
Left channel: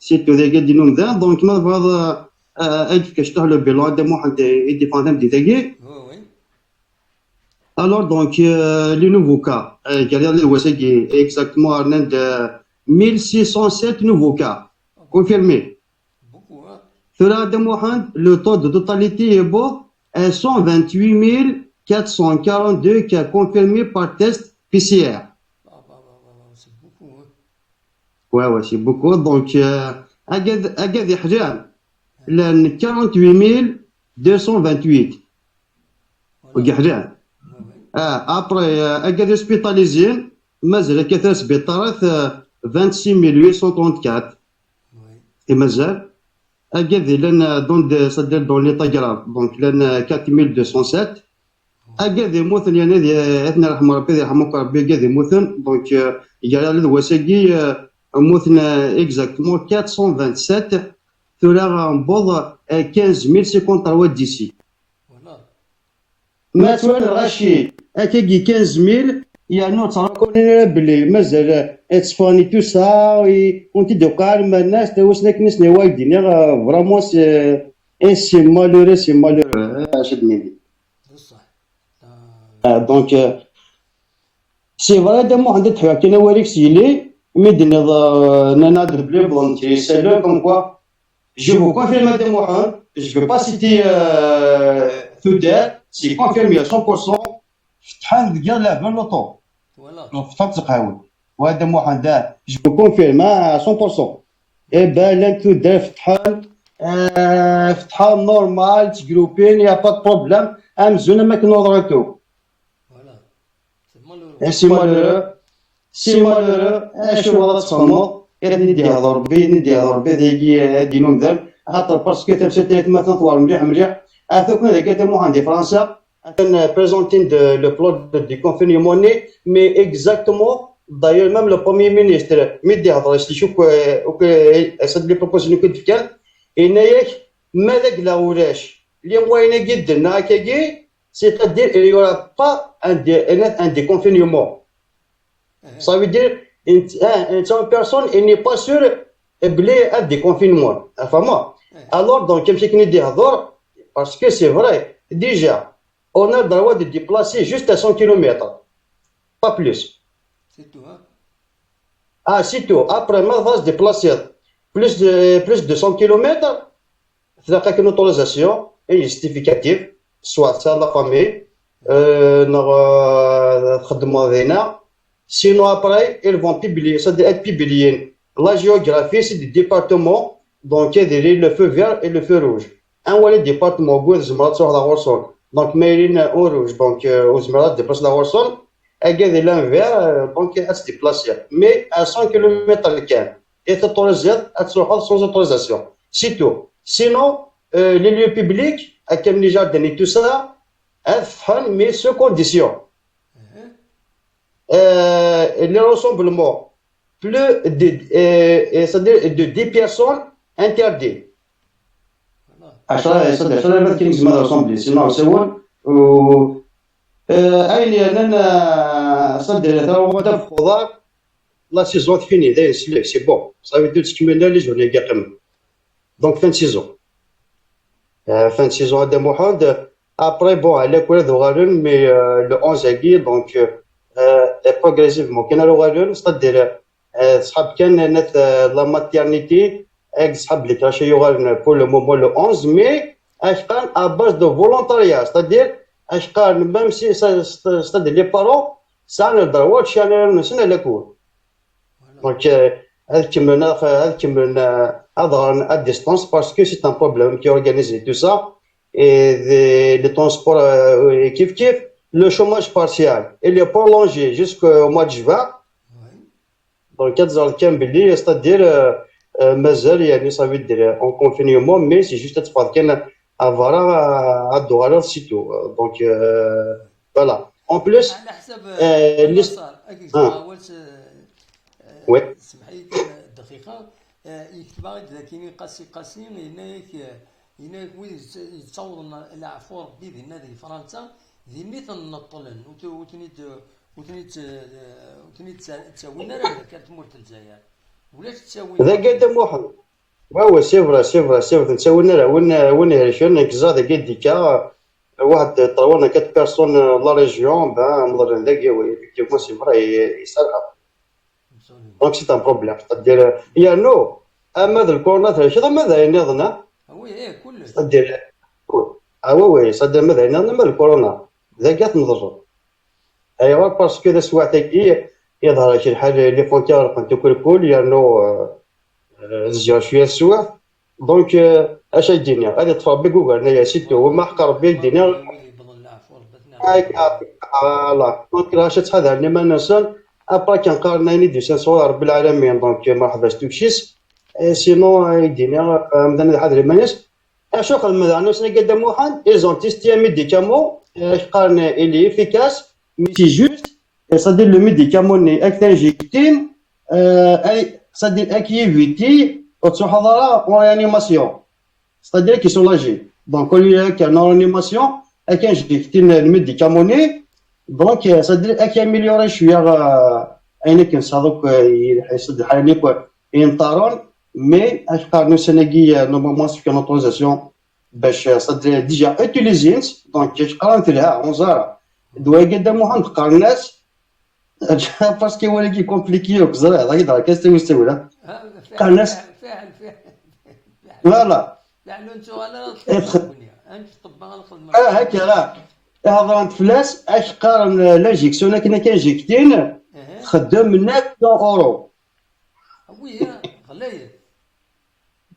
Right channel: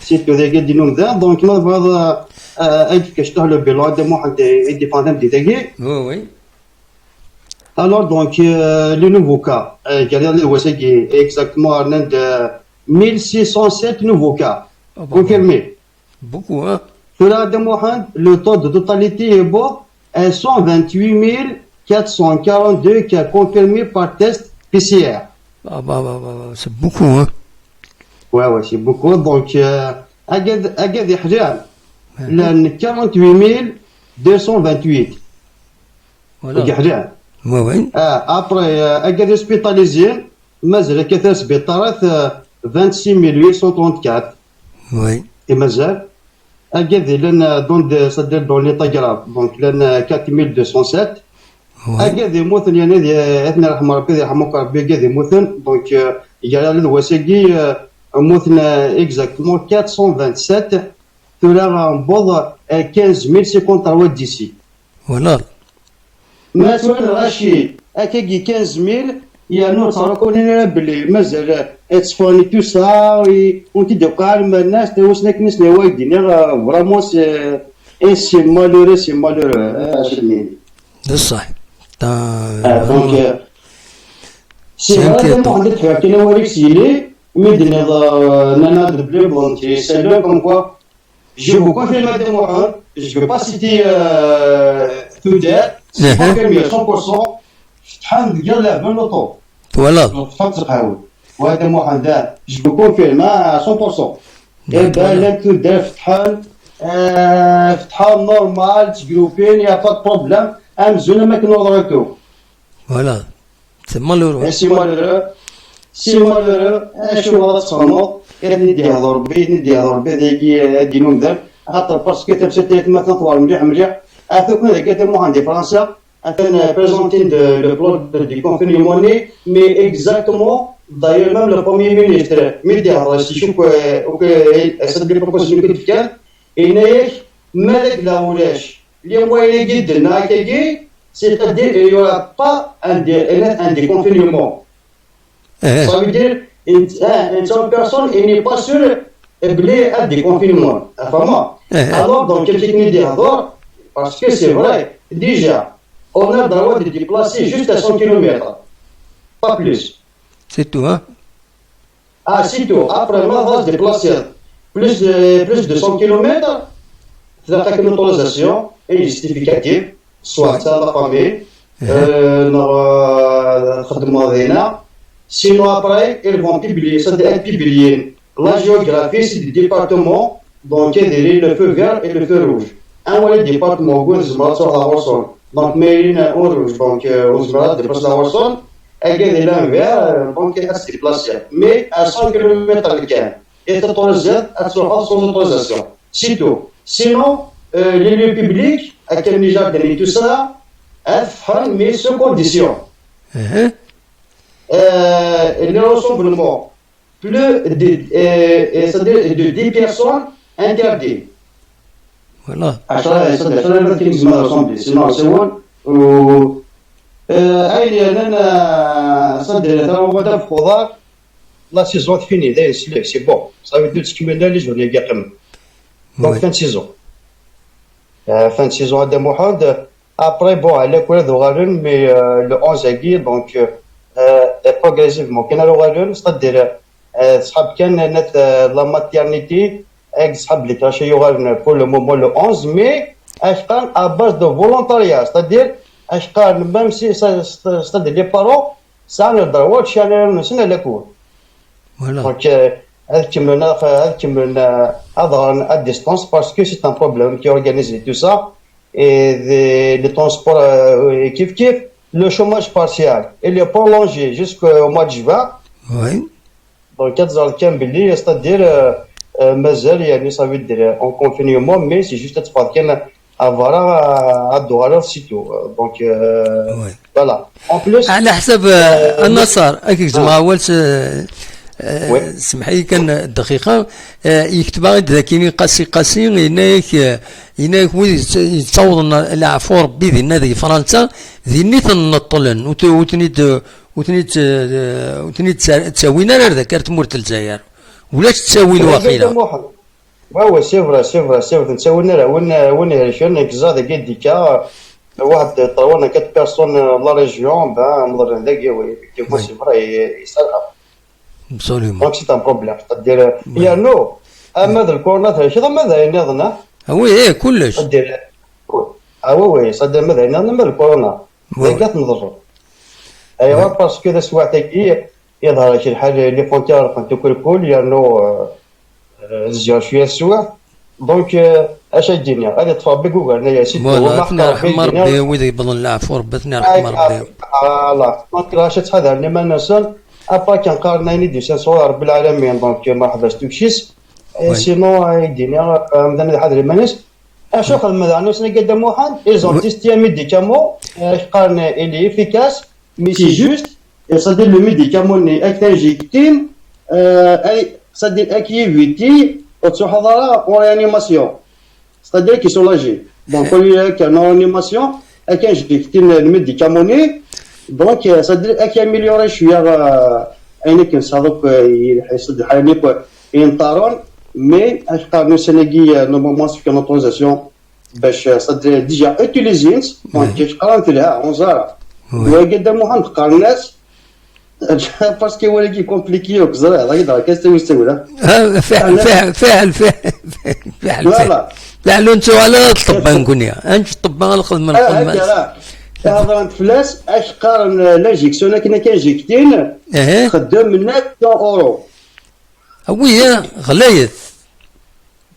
سيتو ذاك دينهم ذا دونك ما هذا اجي كشتغل لو بيلون دي موحد دي فاندم دي تاكي وي alors donc le nouveau cas قال لي وساكي exactement عند 1607 nouveaux cas confirmés beaucoup hein. Cela demande le taux de totalité est beau 128 442 cas confirmés par test PCR. C'est beaucoup hein. Ouais c'est beaucoup donc أجد يحجان لأن 48 228 يحجان. وي après أجد hospitalisés مازال كثر سبيطارات 26834 وي مازال أجد لأن دون صدر دون ليطا جراف دونك لأن 4207 أجد يموتن يعني أثناء رحمة ربي يرحمك ربي أجد يموتن دونك يجعل الوساقي موتن exactement 427 ثلاثة نبوض 15053 ديسي. voilà ما سؤال غاشي أكاكي 15000 يعني تعرفون بلي مازال تصفاني تو سا ونتي دوكا مع الناس توسنا كنس نوايدين فرامون سي مالورو عشرين ده صح دونك سي فوالا مو عندك حوايج انا وريك سيلي مدنا نانا بلي بونتي سالو كوم كوا جو vous confirme madame Mohamed je vais pas citer tout c'est confirmé à 100% شحال ديال لعبه لوطو فوالا فتحت تقاول وهذا موحد جو كونفيرم 100% اي لك تدار فتحان نورمال تجروبين يا با بروبليم امزونا ما كنوضرتو فوالا سي مالورو سي مالورو شو هذا تصمم ندي هذا ربي ذاك دينون ذا خاطر باسكو تمسات ما تطور مليح اثوك هذاك تا موحد دي فرنسا أنا présenté le plan du confinement, mais exactement, d'ailleurs même le Premier ministre, médiateur, je suis que cette proposition codifiée, il n'y a malgré la ouvrage, les moyens de n'accueillir, c'est-à-dire il n'y aura pas un déconfinement. Ça veut dire une seule personne, il n'est pas sûr un déconfinement. Enfin, alors, donc, quelqu'un qui dit alors, parce que c'est vrai, déjà. On a le droit de déplacer juste à 100 km, pas plus. C'est tout, hein? Ah, c'est tout. Après, on va se déplacer plus de 100 km, il y a une autorisation et justificative, soit ça, la famille, sinon après, ils vont publier, ça doit être publié. La géographie, c'est des départements, donc il y a le feu vert et le feu rouge. Un ou les départements, sur la Warson. Donc, Mérine en rouge, donc aux Émirats dépasse la Warson, اكاد لانفير دونك اس ديبلاسي مي 100 كيلومتر كان اي تطوريزيت تروح سون اوتوريزاسيون سيتو سينو لي ليو بيبليك كان لي جاردن اي تو سا افهم مي سو كونديسيون لي ريسومبلمون بلو c'est-à-dire de 10 personnes interdit. Voilà. 10 كيلز ما رسمبلي سينو سوون و اي انا صدر هو هذا الخضار لا سيزون فيني داير سي بون صافي دو تكملنا لي جورني كاع كم دونك فان سيزون فان سيزون هذا محمد ابري بون على كل ذو غالون مي لو 11 اكي دونك بروغريسيفمون كاين لو غالون صدر صحاب كان نت لا ماتيرنيتي اك صحاب لي كاشي يغالون بور لو مومون لو 11 مي اش كان ا باز دو فولونتاريا صدر اش قال ميم سي صدر لي بارون سان الدروات شان نسنا لكون دونك هذا كملنا هذا ا ديستانس باسكو سي ان بروبليم كي اورغانيزي تو سا اي لي ترونسبور كيف لو شوماج بارسيال اللي برولونجي جوسكو موا دو جوان وي دونك كتظهر كان باللي ستادير مازال يعني صافي دير اون كونفينيومون مي سي جوست تفضل كان افارا الدوغالور سيتو دونك فوالا اون بلوس على حسب النصر اكيد جماعه ولت سمح لي كان دقيقه يكتب ذاكيني قاسي هناك يتصور العفور بذن هذه فرنسا ذني تنطلن وتنيت تساوينا ذكرت مورت الجزائر ولا تساوي الواقيلا واو سي فري تساوينا وين هرشون كزاد كديكا واحد طولنا 4 بيرسون لا ريجيون مضر ذاك وي كيف سي فري يسرها absolument دونك سي ان بروبليم تدير يا نو اما هذا الكورونا هذا ماذا ينظنا وي كلش تدير وي صدق ماذا ينظنا من الكورونا ذاك تنضر ايوا باسكو ذا سواعتك يظهر شي الحاجه لي فونتير كنت كل يانو زيار شويه السواع دونك اش الدنيا غادي تطفى بجوجل هنايا سيتو ما حقر في الدنيا ويدي بظن العفو ربتنا الله دونك راش تحضر لي ما نسال ابا كنقارن دي صور رب العالمين دونك ما حضرتش توكشيس سينو الدنيا مثلا حضر المناس اشوف المدانو سنا قدام واحد ايزون تيستيا ميديكامون قارن الي افيكاس مي سي جوست صدير لو ميديكامون اكثر جيكتين اي صدير اكيفيتي وتحضر اون ريانيماسيون صدير كي سولاجي دونك كل كان ريانيماسيون كان جيكتين الميديكاموني دونك صدير اكي اميليوري شويه عينك نصادوك يصدر حاليك ينطارون مي اش قارنو سناكي نورمالمون سي كان اوتوريزاسيون باش صدر ديجا اوتيليزينت دونك قرانت لها اونزارا وقدام واحد قارناس باسكو هو اللي كومبليكي وكزرا هذا يدار كاستوي يستوي فعل فوالا فعلوا انتو على الطب نكونيا انت الطب على الخدمه هكا هضرت فلاس اش قارن لاجيكسيون كنا كان جيكتين خدام منك 100 اورو وي غلايث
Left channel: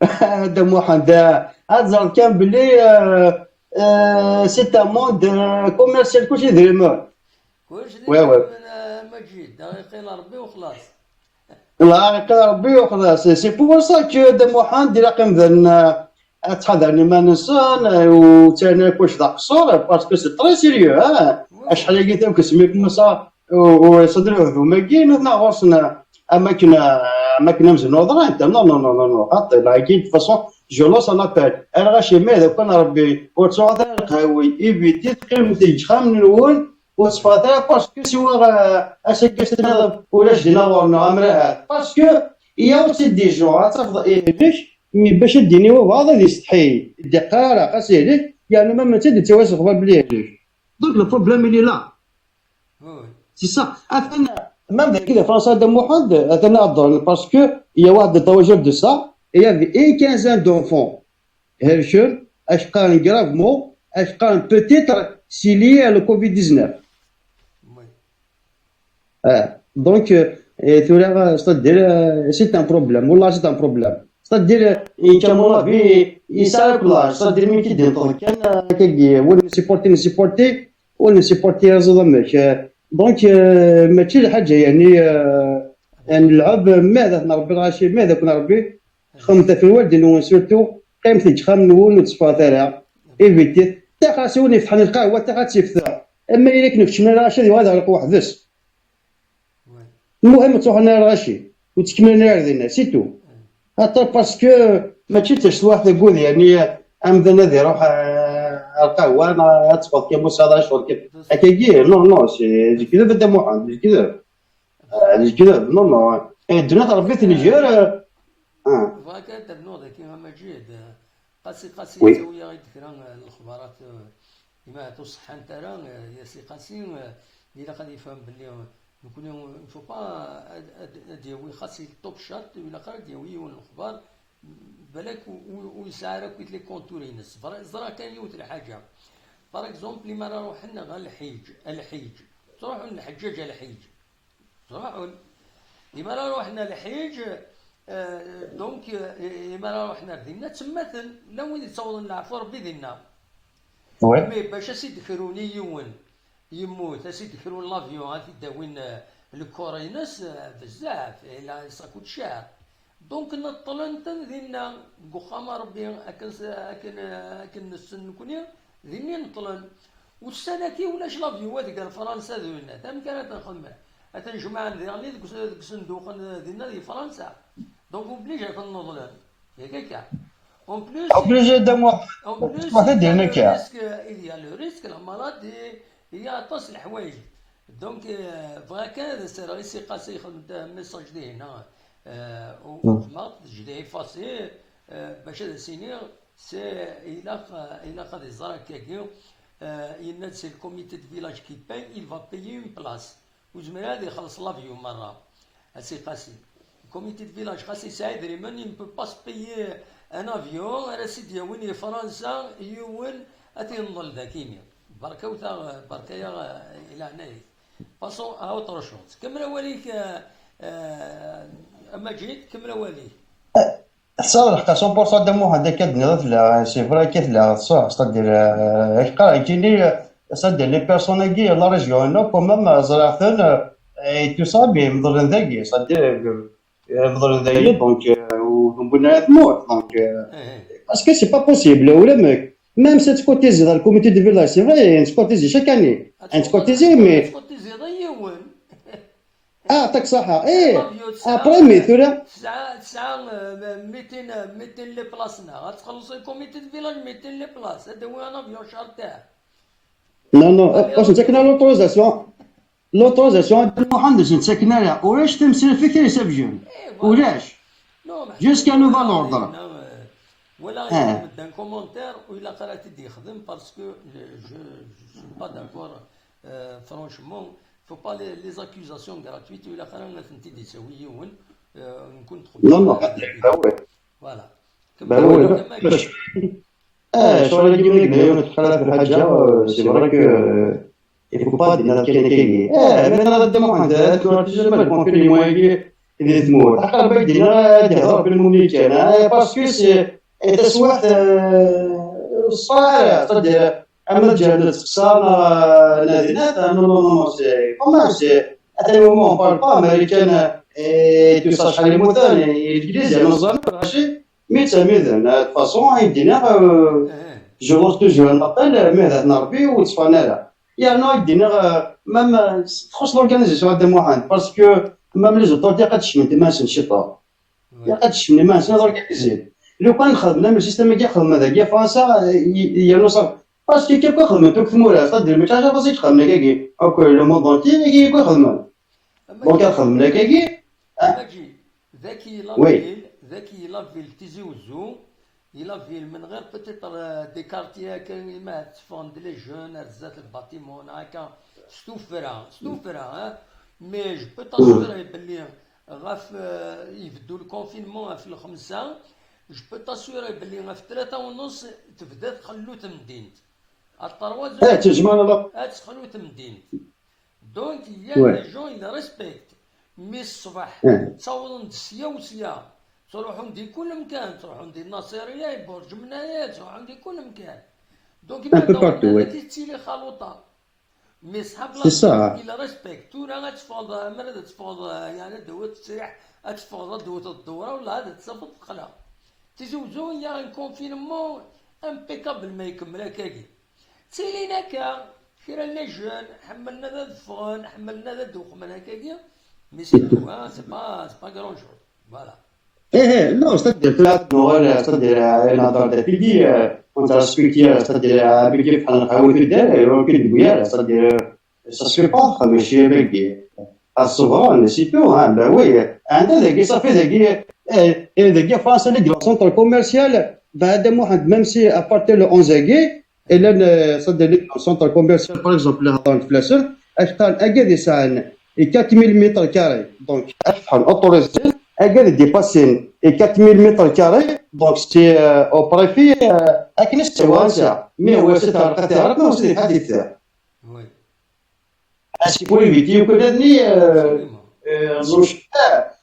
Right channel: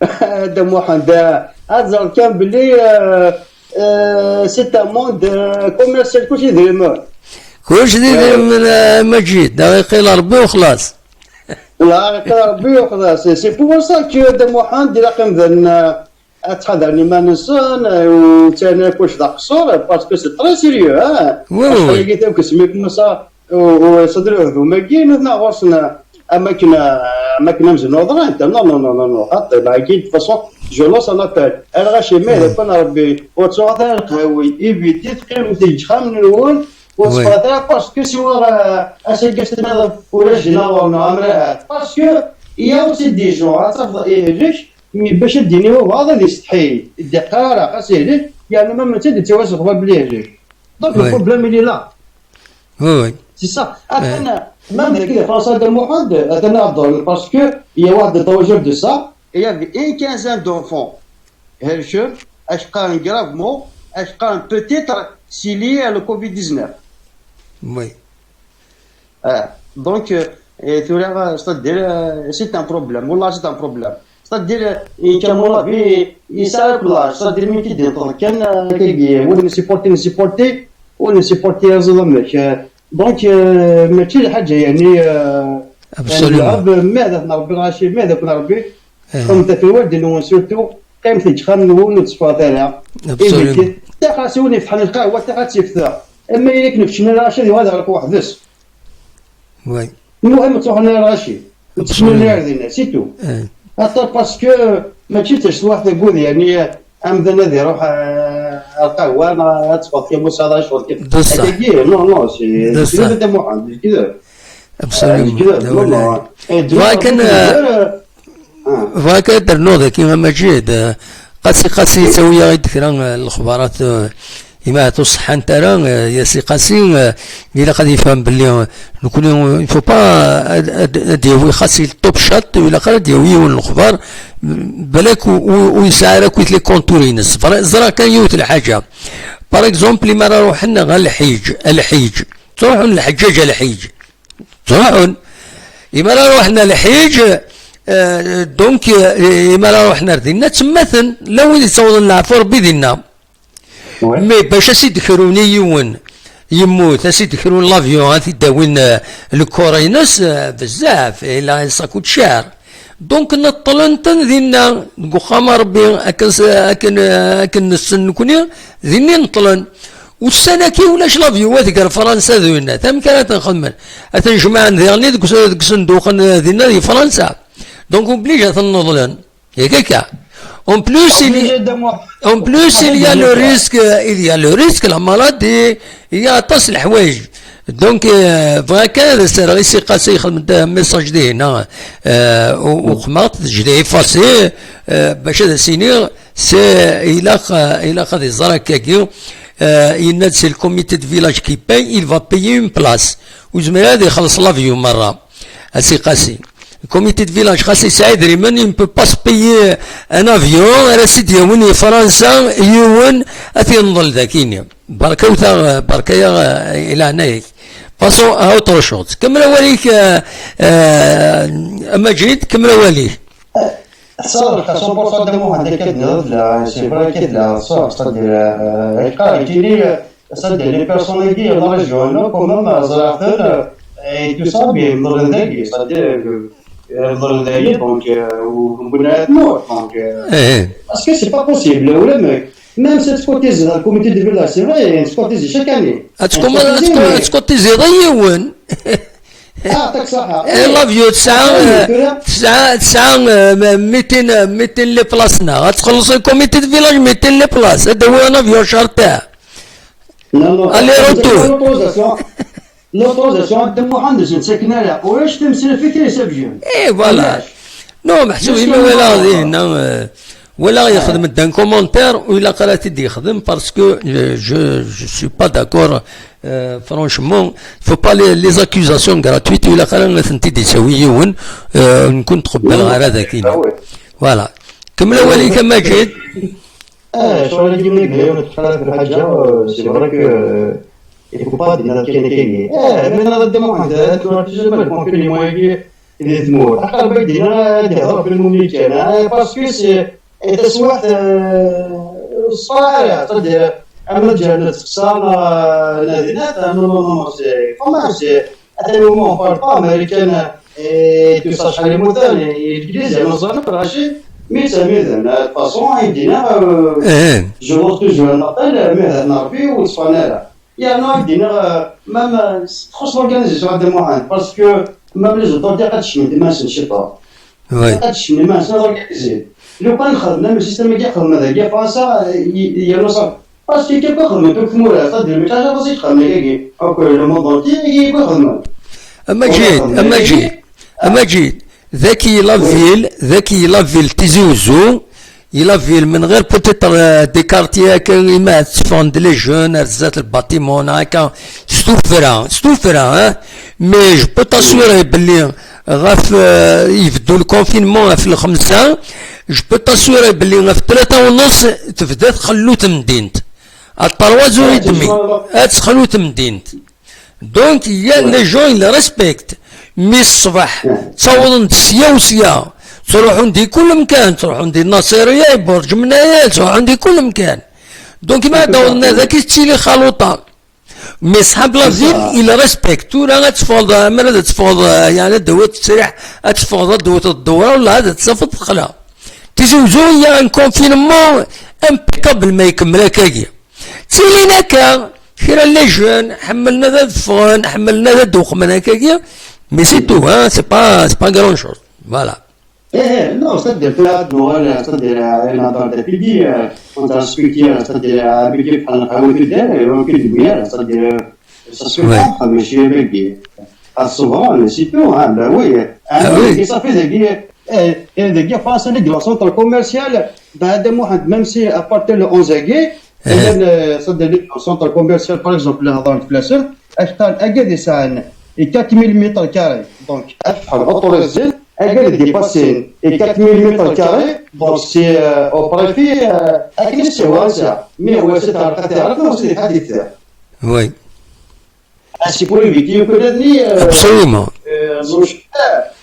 هذا واحد هذا كان باللي سي ان موند كوميرسيال كلشي درهم ما جيت دقيقه الا ربي وخلاص لا قال ربي وخلاص سي بور سا كو دم واحد دير رقم ذن تحضرني ما نسان وتانا كلش ذا قصور باسكو سي تري سيريو اش لقيت كسميكم صا وصدر هذوما كاين هنا غرسنا اماكن مزنوضه انت نو حتى لاكين دو فاصون جو لونس ان ابل انا غاشي مي كون ربي وتصوغ القهوي ايفيتي تقيم تيجخام من الاول وتصفى باسكو سوا اش كاستنا ولا جينا ورنا امراه باسكو يا سيدي جو تفضل ليش مي باش الدنيا هو هذا اللي يستحي الدقاره قصير يعني ما تدي تواسق بليه ليش دونك البروبليم اللي لا وي سي سا انا ما كده فرنسا دم واحد انا افضل باسكو يا واحد التوجه دو سا يا في 15 دونفون هرشون اش قال غرافمون اش قال بوتيتر سي لي لو كوفيد 19 وي دونك ثورا ستدير سي ان بروبليم والله سي ان بروبليم ستدير كامولا في يساكلا ستدير من كيدير كان كي وين سيبورتي وين سيبورتي زعما دونك ماشي حاجه يعني يعني نلعب ماذا نربي الغاشي ماذا كنا نربي خمسة في الوالدين سورتو قيمتي تخمن ونتصفى ثانية إيفيتي تا خاصوني يفتح القهوة تا خاصيفتها أما إلا كنفتشنا الغاشي هذا غير واحد بس وي المهم تروح لنا الغاشي وتسمينا غادينا سيتو حتى باسكو ماشي تاش واحد يقول يعني أمذا هذا يروح القهوة أنا تصفى كيما صار شغل كيف هكاكي نو سي كذا بدا محمد كذا كذا نو فهكا درنوض كيما مجيد قاسي يسوي غير ذكرى الاخبارات إما تصح أنت يا سي قاسي إلا قد يفهم باللي نكون يفو با ديوي خاصي الطوب شات ولا قال ديوي الأخبار بالك ويسعرك ويتلي كونتورينس زرا كان يوت الحاجة باغ اكزومبل ما روحنا غير الحيج تروحون الحجاج الحيج تروحون إما روحنا الحيج دونك إما روحنا ردينا تمثل لو يتصور العفور بدينا مي باش اسيد كروني يون يموت اسيد كرون لافيون هاتي داوين الكورينس بزاف الى ساكوت شهر دونك نطلنتن ذينا نقوخام ربي اكن السن كوني ذيني نطلن والسنة كي ولاش لافيو هذيك فرنسا ذوينا ثم كانت نخدم اتنجمع ذيرني ذوك صندوق ذينا في فرنسا دونك اوبليجا تنضلن ياك هكا En plus, il y a le risque, la maladie, il y a tas الحوايج. Donc, فهكا سير سي قاسي يخدم ميساج دي هنا وخماط جدي افاسي باش هذا سينير سي الى خد الزرا كاكيو il c'est le comité de village qui paye, il va payer une place. وزميل هذا يخلص لافيو مرة سي قاسي. Le comité de village خاص يساعد ريمان il ne peut pas se payer un avion على سيدي يوني فرنسا يون اثي نضل ذاكيني بركا وثا بركا الى هنايا باسون اوتر شوز كمل وليك اما جيد كمل وليك صراحه 100% دمو هذاك كدنا سي فري كدنا صح صدر القرايه كيلي صدر لي بيرسون كي لا ريجيون كومام زراعه تو صابي مضر ذاكي صدر يفضل ذلك دونك ونبنا نموت دونك باسكو سي با بوسيبل ولا ماك ميم سي تكوتيزي dans le comité de village c'est vrai تكوتيزي chaque année تكوتيزي ضيون يعطيك الصحة لافيو تسعة 200 لي بلاصنا غتخلص الكوميتي دو فيلاج 200 لي بلاص هذا هو لافيو شهر تاعه نو لوطوزاسيون عند محمد نسكن عليها واش تمثل فيك يساب جون اي فوالا نو محسوبين ولا يخدم دان كومونتير ولا قرات يدي يخدم باسكو جو سوي با داكور فرانشمون فو با لي زاكوزاسيون غراتويت ولا قرا انت تسويون نكون تقبل غير هذاك فوالا كمل ولي كما جيت شغل اللي يجيب لك نتحرك بالحاجه سي فري il faut pas dire كاين من هذا الدموع هذا تجربه ممكن لي موي اللي تموت حتى بدينا نهضر بالمملكه باسكو سي تسوات صاير صدق اما جات تخسر نادينات نو سي كومان سي اتى مومون بار با امريكان تو سا شحال مثلا الانجليزي نظن راشي ميتاميزن فاصون يدينا جو وقت جو نطل مهد نربي وتصفانا يا نو يدينا مام تخص لورغانيزاسيون دو موحد باسكو مام لي زوطورتي قد تشمل ديماس نشيطه قد تشمل ديماس نورغانيزي لو كان خدمنا من السيستم كاع خدمنا هذاك يا فرنسا يا صافي باسكو كيف خدمنا دوك ثموره صدق ماشي حاجه بسيطه خدمنا كاع هاكا لو موند اونتي كيف خدمنا اما جيد ذكي لافيل تيزوزو يلافيل من غير بوتيتر دي كارتيي كيما تفوند لي جون رزات الباتيمون هكا ستوفرا مي جو بو تاسيوري بلي غاف يبدو الكونفينمون في الخمسة جو بو تاسيوري بلي غاف 3:30 تبدا تخلوت مدينت الطروازو يدمي تخلوت مدينت دونك يا لي جون اللي ريسبكت مي الصباح تصورون سيا تروحون دي كل مكان تروحون دي الناصرية برج منايا تروحون دي كل مكان دونك ما دورنا ذاك تشيلي خلوطة مي صحاب لافيل الى ريسبكتو راه تفوض مرة تفوض يعني دوت تسرح تفوض دوت الدوره ولا هذا تصفط خلا تزوجو يا ان كونفينمون امبيكابل ما يكمل هكاكي تسيلينا كا كيرا لي جون حملنا ذا الفون حملنا ذا الدوق من هكاكي مي سي تو ها سي با غران شوز فوالا ايه نو c'est-à-dire ثلاث نوال c'est-à-dire نهضر دابيدي كنت ريسبكتي c'est-à-dire بيجي بحال نحاول كدير يمكن تقول c'est-à-dire ça se fait ماشي بيجي souvent سي تو ها با وي انا صافي داكي فرنسا اللي ديال سونتر كوميرسيال بعد واحد ميم سي ابارتي لو 11 كي الا c'est-à-dire سونتر كوميرسيال باغ اكزومبل هضرت في لاسر اشتغل اكادي ساعه 4000 متر كاري دونك اشحال اوتوريزي اكاد ديباسي 4000 متر كاري دونك سي او بريفي اكن السواسع مي هو سي تعرف سي حديث وي اسي pour éviter que absolument زوج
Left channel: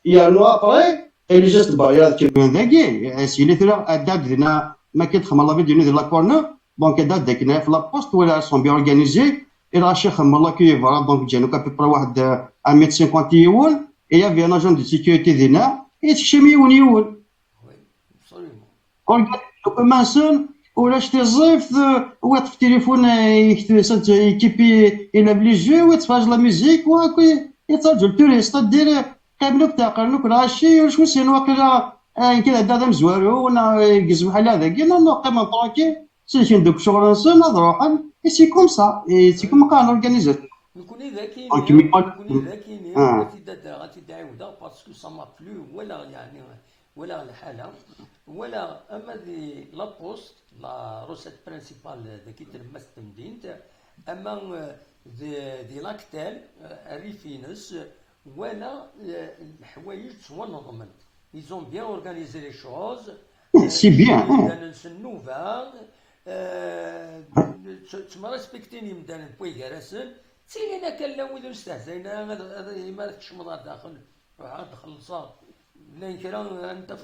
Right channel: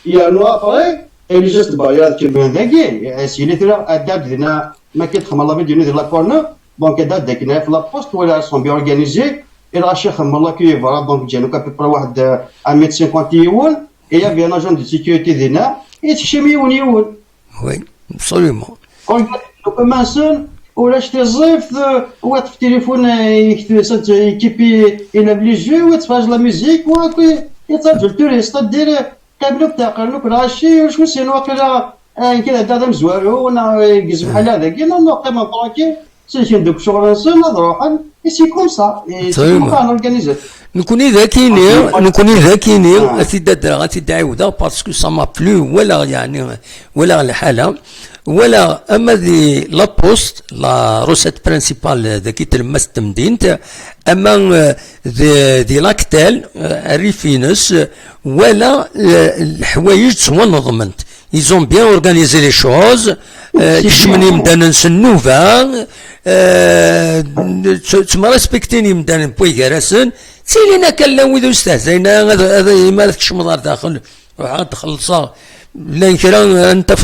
يا نو ابري اللي جست بايات كيما داكي سي لي ترا اداب دينا ما كيدخل الله بدينا ديال لا كورنر دونك اداب داكنا في لابوست ولا سون بي اورغانيزي الى الشيخ الله كي فوالا دونك جانو كابي واحد 150 يول et il y avait un agent de sécurité d'ENA et c'est chez Mioun. Oui, absolument. Quand on commence, on achète des zifs, on a le téléphone, équipé, il a les jeux, on fait la musique, on a le touriste, c'est-à-dire, quand on a le craché, je me suis dit, كده دادم زوارو وانا يجزم بحال هذاك لا نو قيمه طراكي سي دوك شغل نسنا نروح سي كوم سا سي كوم كان اورغانيزي نكوني ذاكيني اسيدي عاوده باسكو سا ما بلو ولا يعني ولا الحاله ولا اما دي لا بوست لا روسيت برينسيبال ذاكي تلمس تمدينت اما دي لاكتيل ريفينس ولا الحوايج تنظمت ils ont bien organisé les choses كشمني مدانا نسنوفا تما ريسبكتيني مدانا بوي كراسن سيلينا كان لا ويدو استهزينا هذا ما كشم دار داخل عاد تخلصا لا كرا انت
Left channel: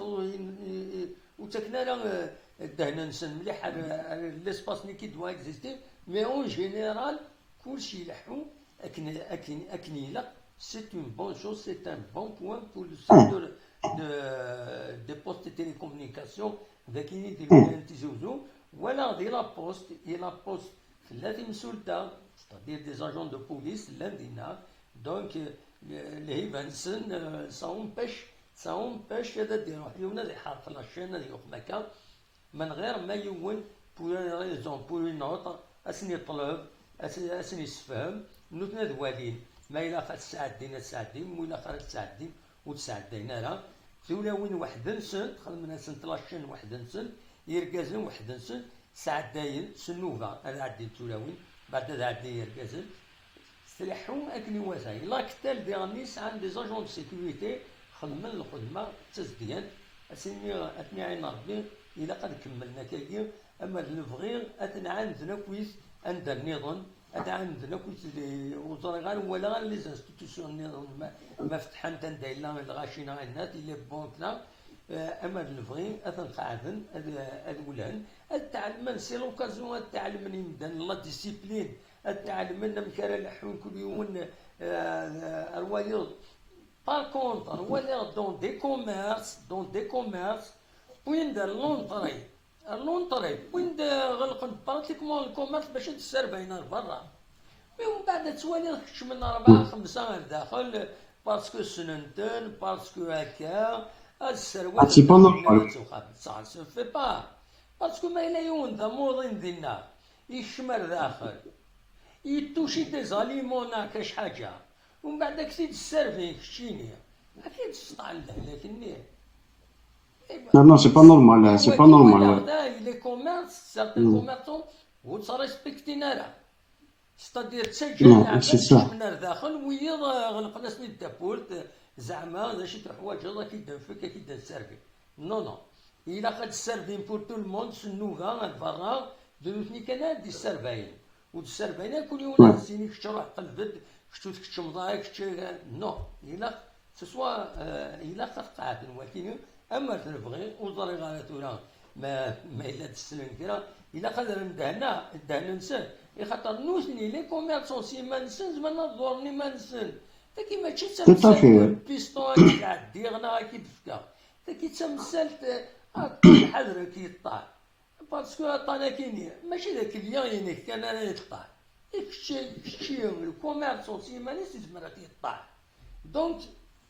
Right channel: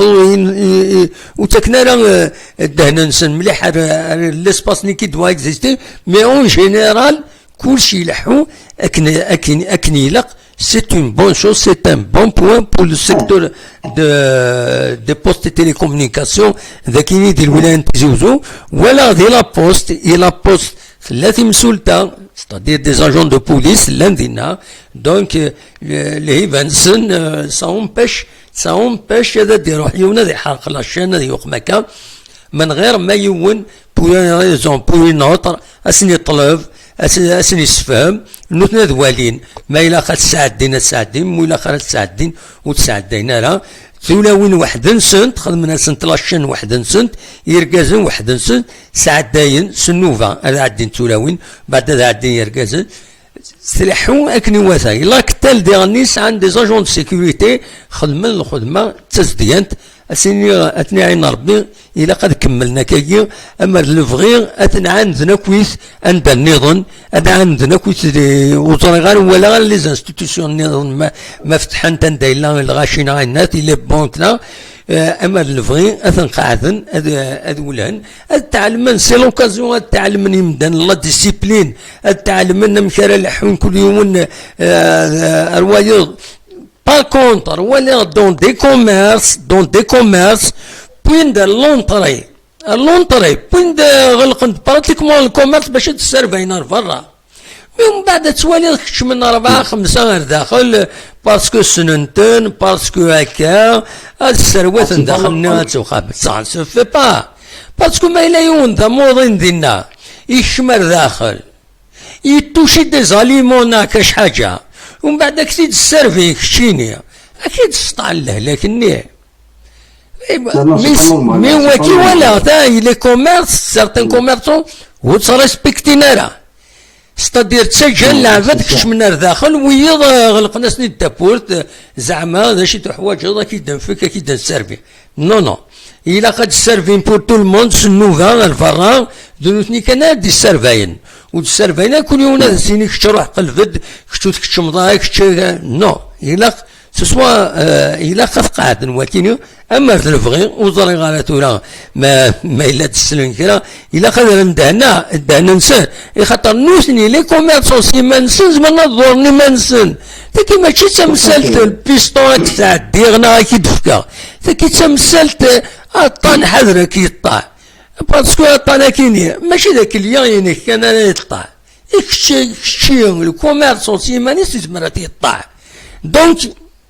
وتكنا راه الدهن نسن مليح ليسباس ني كي دوا اكزيستي مي اون جينيرال كلشي يلحو اكن يلق. C'est une bonne chose, c'est un bon point pour le secteur des postes de télécommunications ذاكيني ديال الولاية تيزوزو ولا ديال لا بوست لا بوست التي مسؤولة c'est-à-dire des agents de police لندينا donc les Vincent ça empêche هذا يروح يونا يحرق لاشين هذا يوقمكا من غير ما يون بوين ريزون بوين نوتر اسني طلب اسني يسفهم نوتنا دوالين ما إلا خا تساعدين مو إلا خا تساعدين وتساعدين راه ثلاوين واحد نسنت خدمنا سنت لاشين واحد نسنت يركازن واحد نسنت ساعدين سنوفا هذا عدين ثلاوين بعد هذا عدين يركازن سلحو اكني واثا الا كتال ديغنيس عند دي زاجون دو سيكوريتي خدمن الخدمه تسديانت اسيني اتني عين ربي الا قد كملنا كاكي اما لفغي اتنعندنا كويس عند النظام عندنا كويس وزراء غير ولا غير لي زانستيتيسيون النظام ما فتحن تندايلا الغاشينا عينات اللي بونتنا اما لفغي اثنقعدن اذولان التعلمن سي لوكازيون التعلمن يمدن لا ديسيبلين التعلمن مشارع الحون كل يوم الوايض Par contre, voilà dans des commerces, point de l'entrée, point de غلقن pratiquement الكوميرس باش تسرفينا برا. من بعد توالي كش من 4-5 غير داخل باسكو سننتن باسكو هكا السروات داخلنا تخابط صح سو في با باسكو ما إلا يون ذا موضين دينا يشمر داخل يتوشي دي زاليمون كاش حاجة ومن بعد اكيد السيرفي كشيني اكيد سطع له لكني مي وكي ولا تاي لي كوميرس سارتان كوميرسون وتريسبكتينا راه ستادير تسجل لعبات كش من داخل ويض غلقنا سني الدابورت زعما هذا شي حوايج هذا كيدن فيك كيدن سيرفي نو إلا قد سيرفين بور تو الموند سنوفا الفراغ دونتني كان دي سيرفاين والسيرفاين كل يوم سيني كش تروح قلفد كش تكش مضايق كش نو إلا سواء الى قد قاعد ولكن اما في الفغي وزري غالاتورا ما الا تسلم كرا الى قدر ندهنا نسان خاطر نوسني لي كوميرسون ما نسن زعما نظرني ما نسن تاكي ماشي تمثلت البيستون تاع ديغنا كي دفكا تاكي تمثلت الطان حذر كي يطاع باسكو الطان كيني ماشي ذاك اليوم كان يطاع كشي الكوميرسون سيماني تزمرات يطاع دونك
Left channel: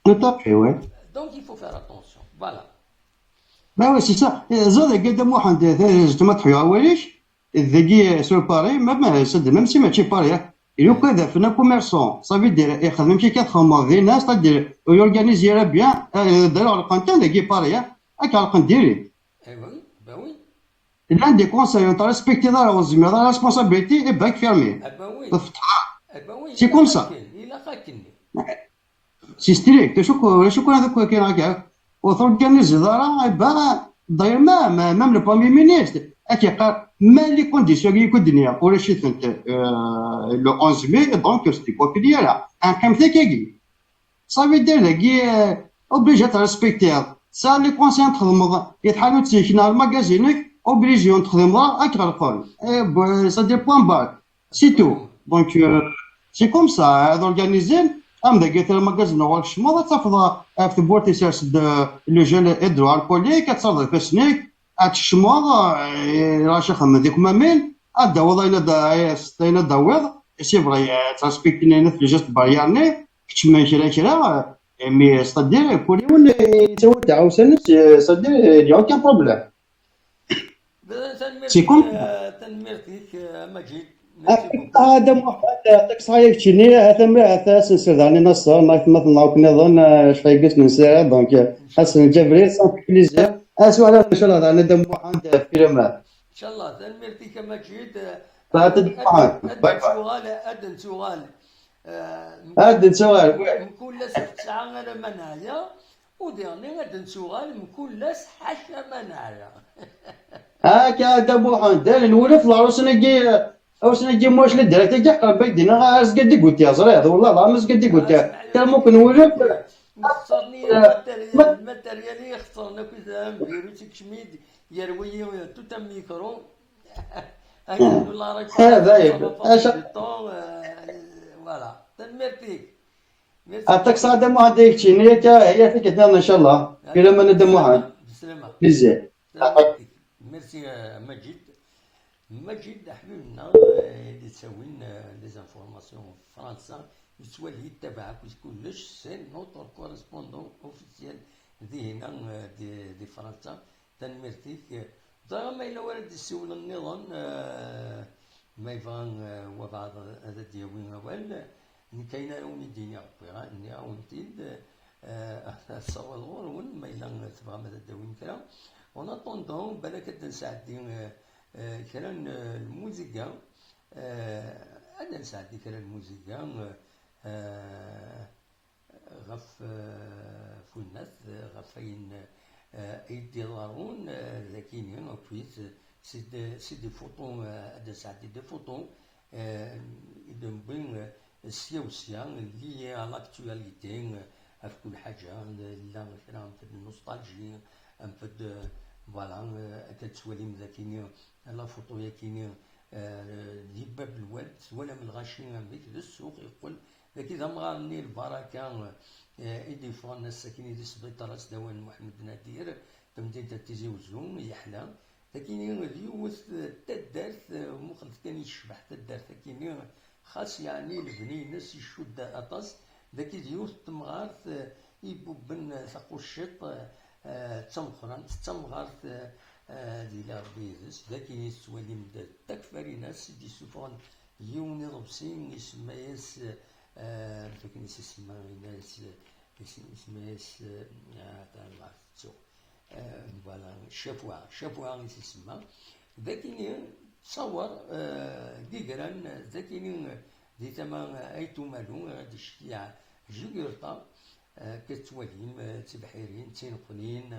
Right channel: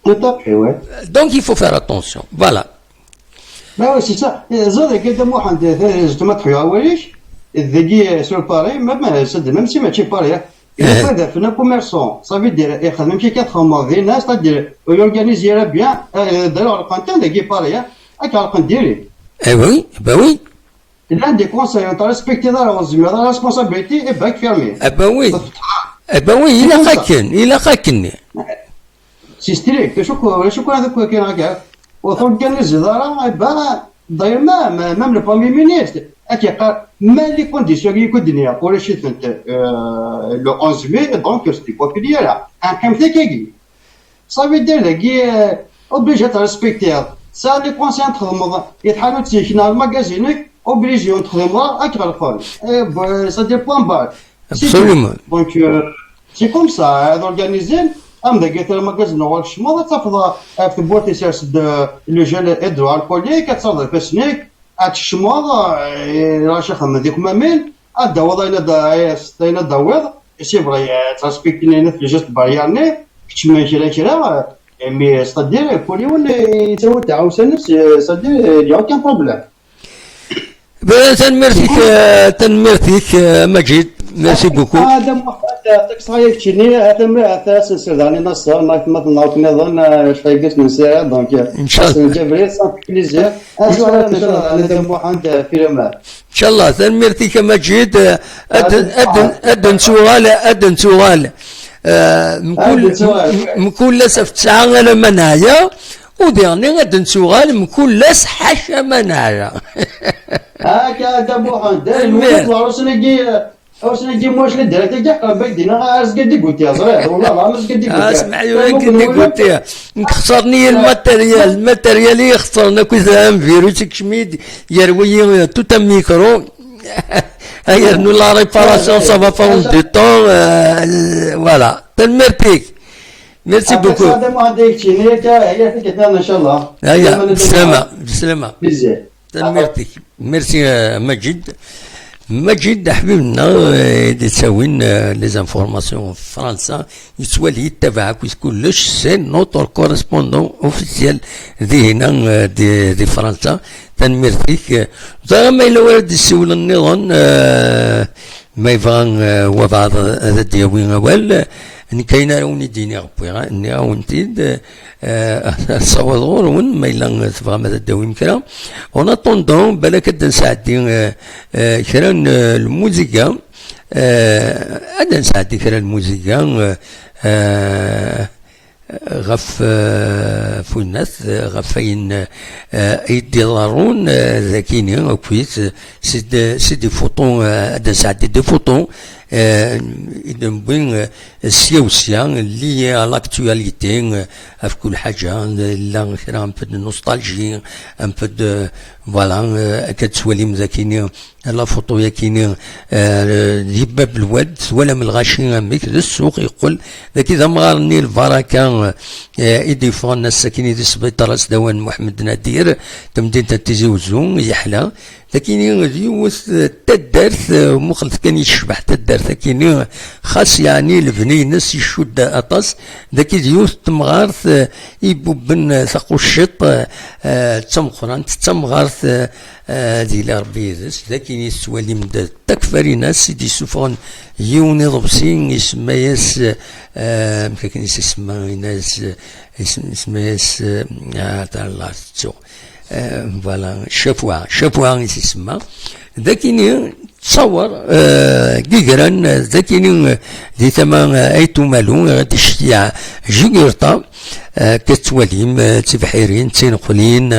Tout à fait, ouais. Donc il faut faire attention, voilà. Bah ouais, c'est ça. زاد قدام واحد زعما تحيا وليش ذاكي سور باري même si ماشي باري إلا فادا فينا كوميرسون صافي دير يخدم كي كتخمر ذي ناس تدير ويورغانيزيرا بيان داروا على القنتان ذاكي باري هاك على القنديري. Eh oui, bah oui. Il a des conseils, on t'a respecté dans la responsabilité et bac fermé. Eh ben oui. Eh ben oui, il a خاكن. سي ستريكت شكون هذاك كاين هكا وتورغانيزي دارا داير مام لو بروميي مينيستر قال ما لي كونديسيون كي يكون الدنيا ولا شي فهمت لو 11 مي دونك ستي بوبيليير ان كام تاكي صافي دير ذاكي اوبليجي تريسبكتي سا لي كونسيون تخدم يتحالوا تسيكنا الماغازينك اوبليجي تخدم اكثر الفول سا دي بوان بار دونك سي كوم سا اورغانيزي ام ذاك الماغازين هو الشمال تفضل في بورتي سيرس لو جيل ادرو الكولي كتصرف في سنيك الشمال راه شخم هذيك مامين الدواء الا داوض سي فري تراسبكتيني في جست بارياني كتشمل كرا مي ستادير كولي ولا يسوي تعاوسن ستادير يا كان بروبليم تنمرتيك مجيد ميرسي بوكو هذا يعطيك صحيح تشيني هذا سنسرداني نصر مثلا نظن شفايقس نساعد دونك ان شاء الله حسن جبريل صافي بليزير اسمع ان شاء الله انا دم واحد فيلمات ان شاء الله تنمرتيك مجيد ادن سؤال مكون في تسعة انا منايا وديرني غادي نسوغال مكون لاس حاشا منايا هاكا دابو دار الولد وسنجي موش للدرك تاع بيدنا اس قد قلت يا صريح والله ما مش قد قلت اسمع قلت خسرني الماتيريال يخسرنا كذا فيروس كشميد يروي توت ميكرو هيا نو لا ريباراسيون سافا فون دو طون فوالا تنمرتيك ميرسي بوكو هذا ما هذيك شي هي فيك ان شاء الله بسلامة بزاف تنمرتيك ميرسي مجد حبيبنا تساوين لي زانفورماسيون في فرنسا يتولي يتبعك كلش سي نوتر كورسبوندون اوفيسيال ذي هنا دي فرنسا تنمرتيك زعما الا ورد السول النظام ما يبغى وبعض هذا دياوين اول ان كاين راوني ديني ربي اني راونتيد صوضور ون ما الا تبغى ماذا داوين كرا اون اتوندون بالك نساعدي كرا الموسيقى نساعدي كرا الموسيقى غف فوناث غفين يديرون ذاكيني وكويس سيدي فوتون هذا ساعدي دي فوتون بين السياسة اللي على لاكتواليتي في كل حاجة لا كرا ان بو دو نوستالجي ان بو دو فوالا كتسوالي مذاكيني لا فوتو ياكيني ديباب الواد ولا من الغاشي اميك للسوق يقول ذاك اذا مغارني البركه يديفون الناس ساكنين في السبيطار داوان محمد نادير تمدين تيزي وزون يحلى لكن يوث تدارث مخلط كان يشبح تدارث لكن خاص يعني البنينس يشد اطاس ذاك يوث تمغارث يبوبن ثقو الشط تمقران تمغارث دي لربي ذاك يسوالي من تكفري ناس سيدي سوفون يوني ضبسين يسمى ياس مكاكن يسمى ناس يسمى ياس تاع الله تسو فوالا شافوها يسمى ذاكيني تصور كيكران ذاكيني دي ثمن ايتو مالو غادي شتيا جيغرطا كتواليم تبحيرين تنقلين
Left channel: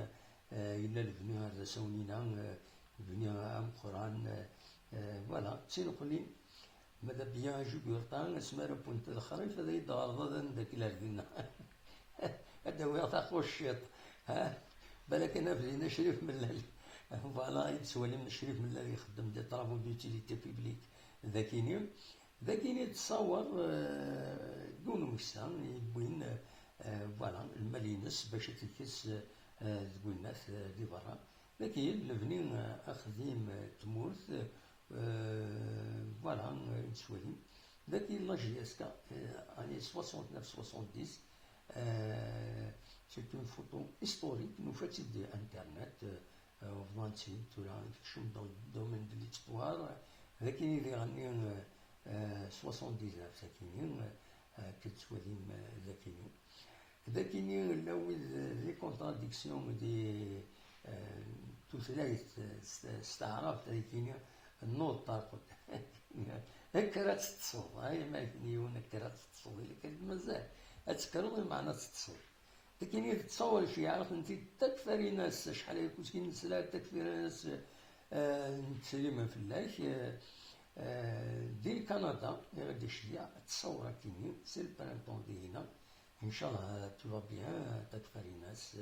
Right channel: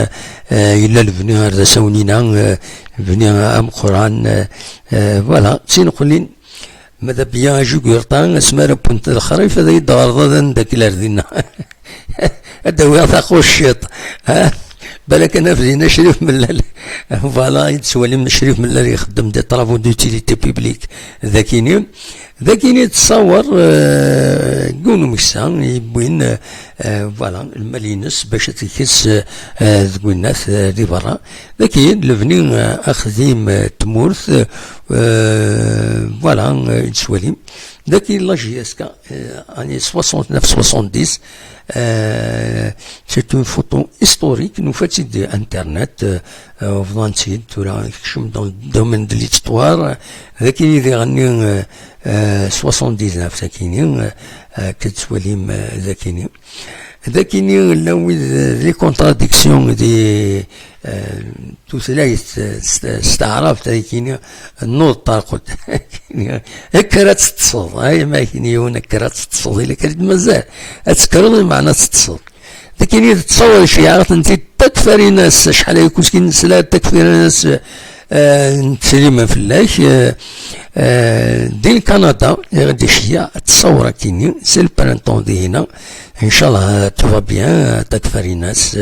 الا البني هذا سونينا بني ام قران فوالا تنقلين ماذا بيان جو قرطان اسمها بنت الخريف هذا يدار ذاك لاردينا هذا هو يعطيك الشيط ها بالك انا فزينا شريف ملال فوالا يتسوالي من شريف ملال يخدم دي طرافو دوتيليتي بيبليك ذاكيني تصور كونو مكسان يبوين فوالا المالينس باش تكيس ذوك الناس دي برا ذاكي لفني اخذيم تمورث فوالا يتسوالي ذاكي لاجي اسكا اني 69 70 c'est une photo historique nous fait de internet فضانتي تورا كشم dans le domaine de l'histoire ذاك اللي يغني 79 ساكيني كتسوليم ذاكيني ذاكيني لو لي كونتراديكسيون دي توثلايث استعراف ذاكيني النور طارقت هكا تتصل هاي ما كاين هكا تتصل الا كانت مازال تذكر معنى تتصل لكن تتصور شي عرفت انت تكفري ناس شحال يكون كي نسلا تكفري ناس تسليما فلاش دين كندا غادي شي تصور كيني سي البرانتون دي هنا ان شاء الله توفا بيان تكفري ناس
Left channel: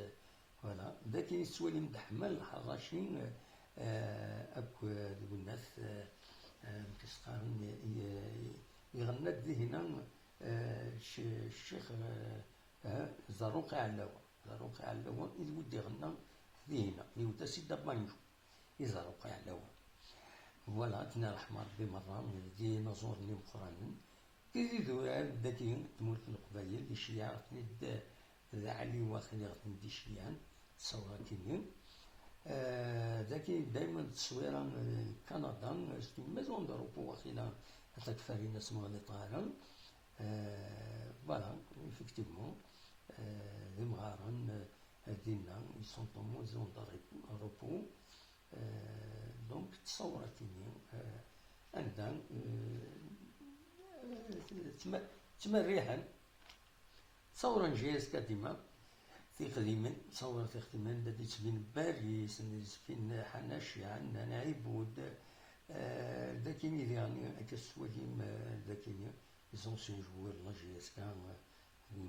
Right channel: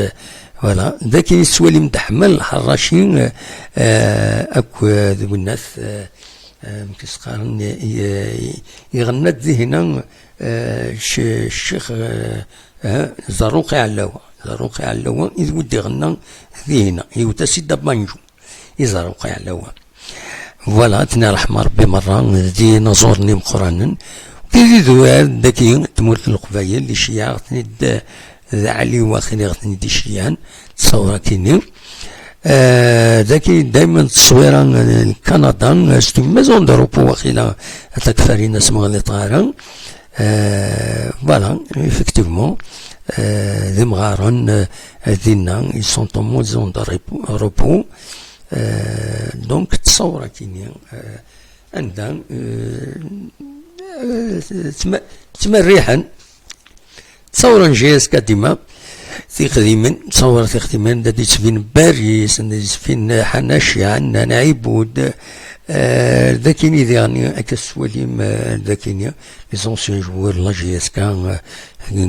فوالا ذاك يسوالي متحمل الحراشين اكو ذوك الناس كيسقارن يغنى ذي هنا الشيخ زاروقي علاوة إذ ودي غنى ذي هنا يوتا سيدا بانجو يزاروقي علاوة فوالا تنا رحمة ربي مرة دي نزورني مقرانا كي ذوال داكي تمورت القبايل اللي شيعة غتني ذا علي واخيني غتني دي شيعان تصورا كيني ذاكي دايما تصويرا كندا ستو مازون دوروبو واخيلا تكفاري ناس مغلي طارا voilà, effectivement, les Mgharan, ils sont en mode zone de repos. Donc, تصور كيني عندها تمريحا تصور نجيز كديما في خديما تصور في خديما دادي تفين باريس دادي تفين حناشيا عندنا نعيبود ذاكيني يعني كسواليم ذاكيني لي زونسيون جوار لا جي اس كان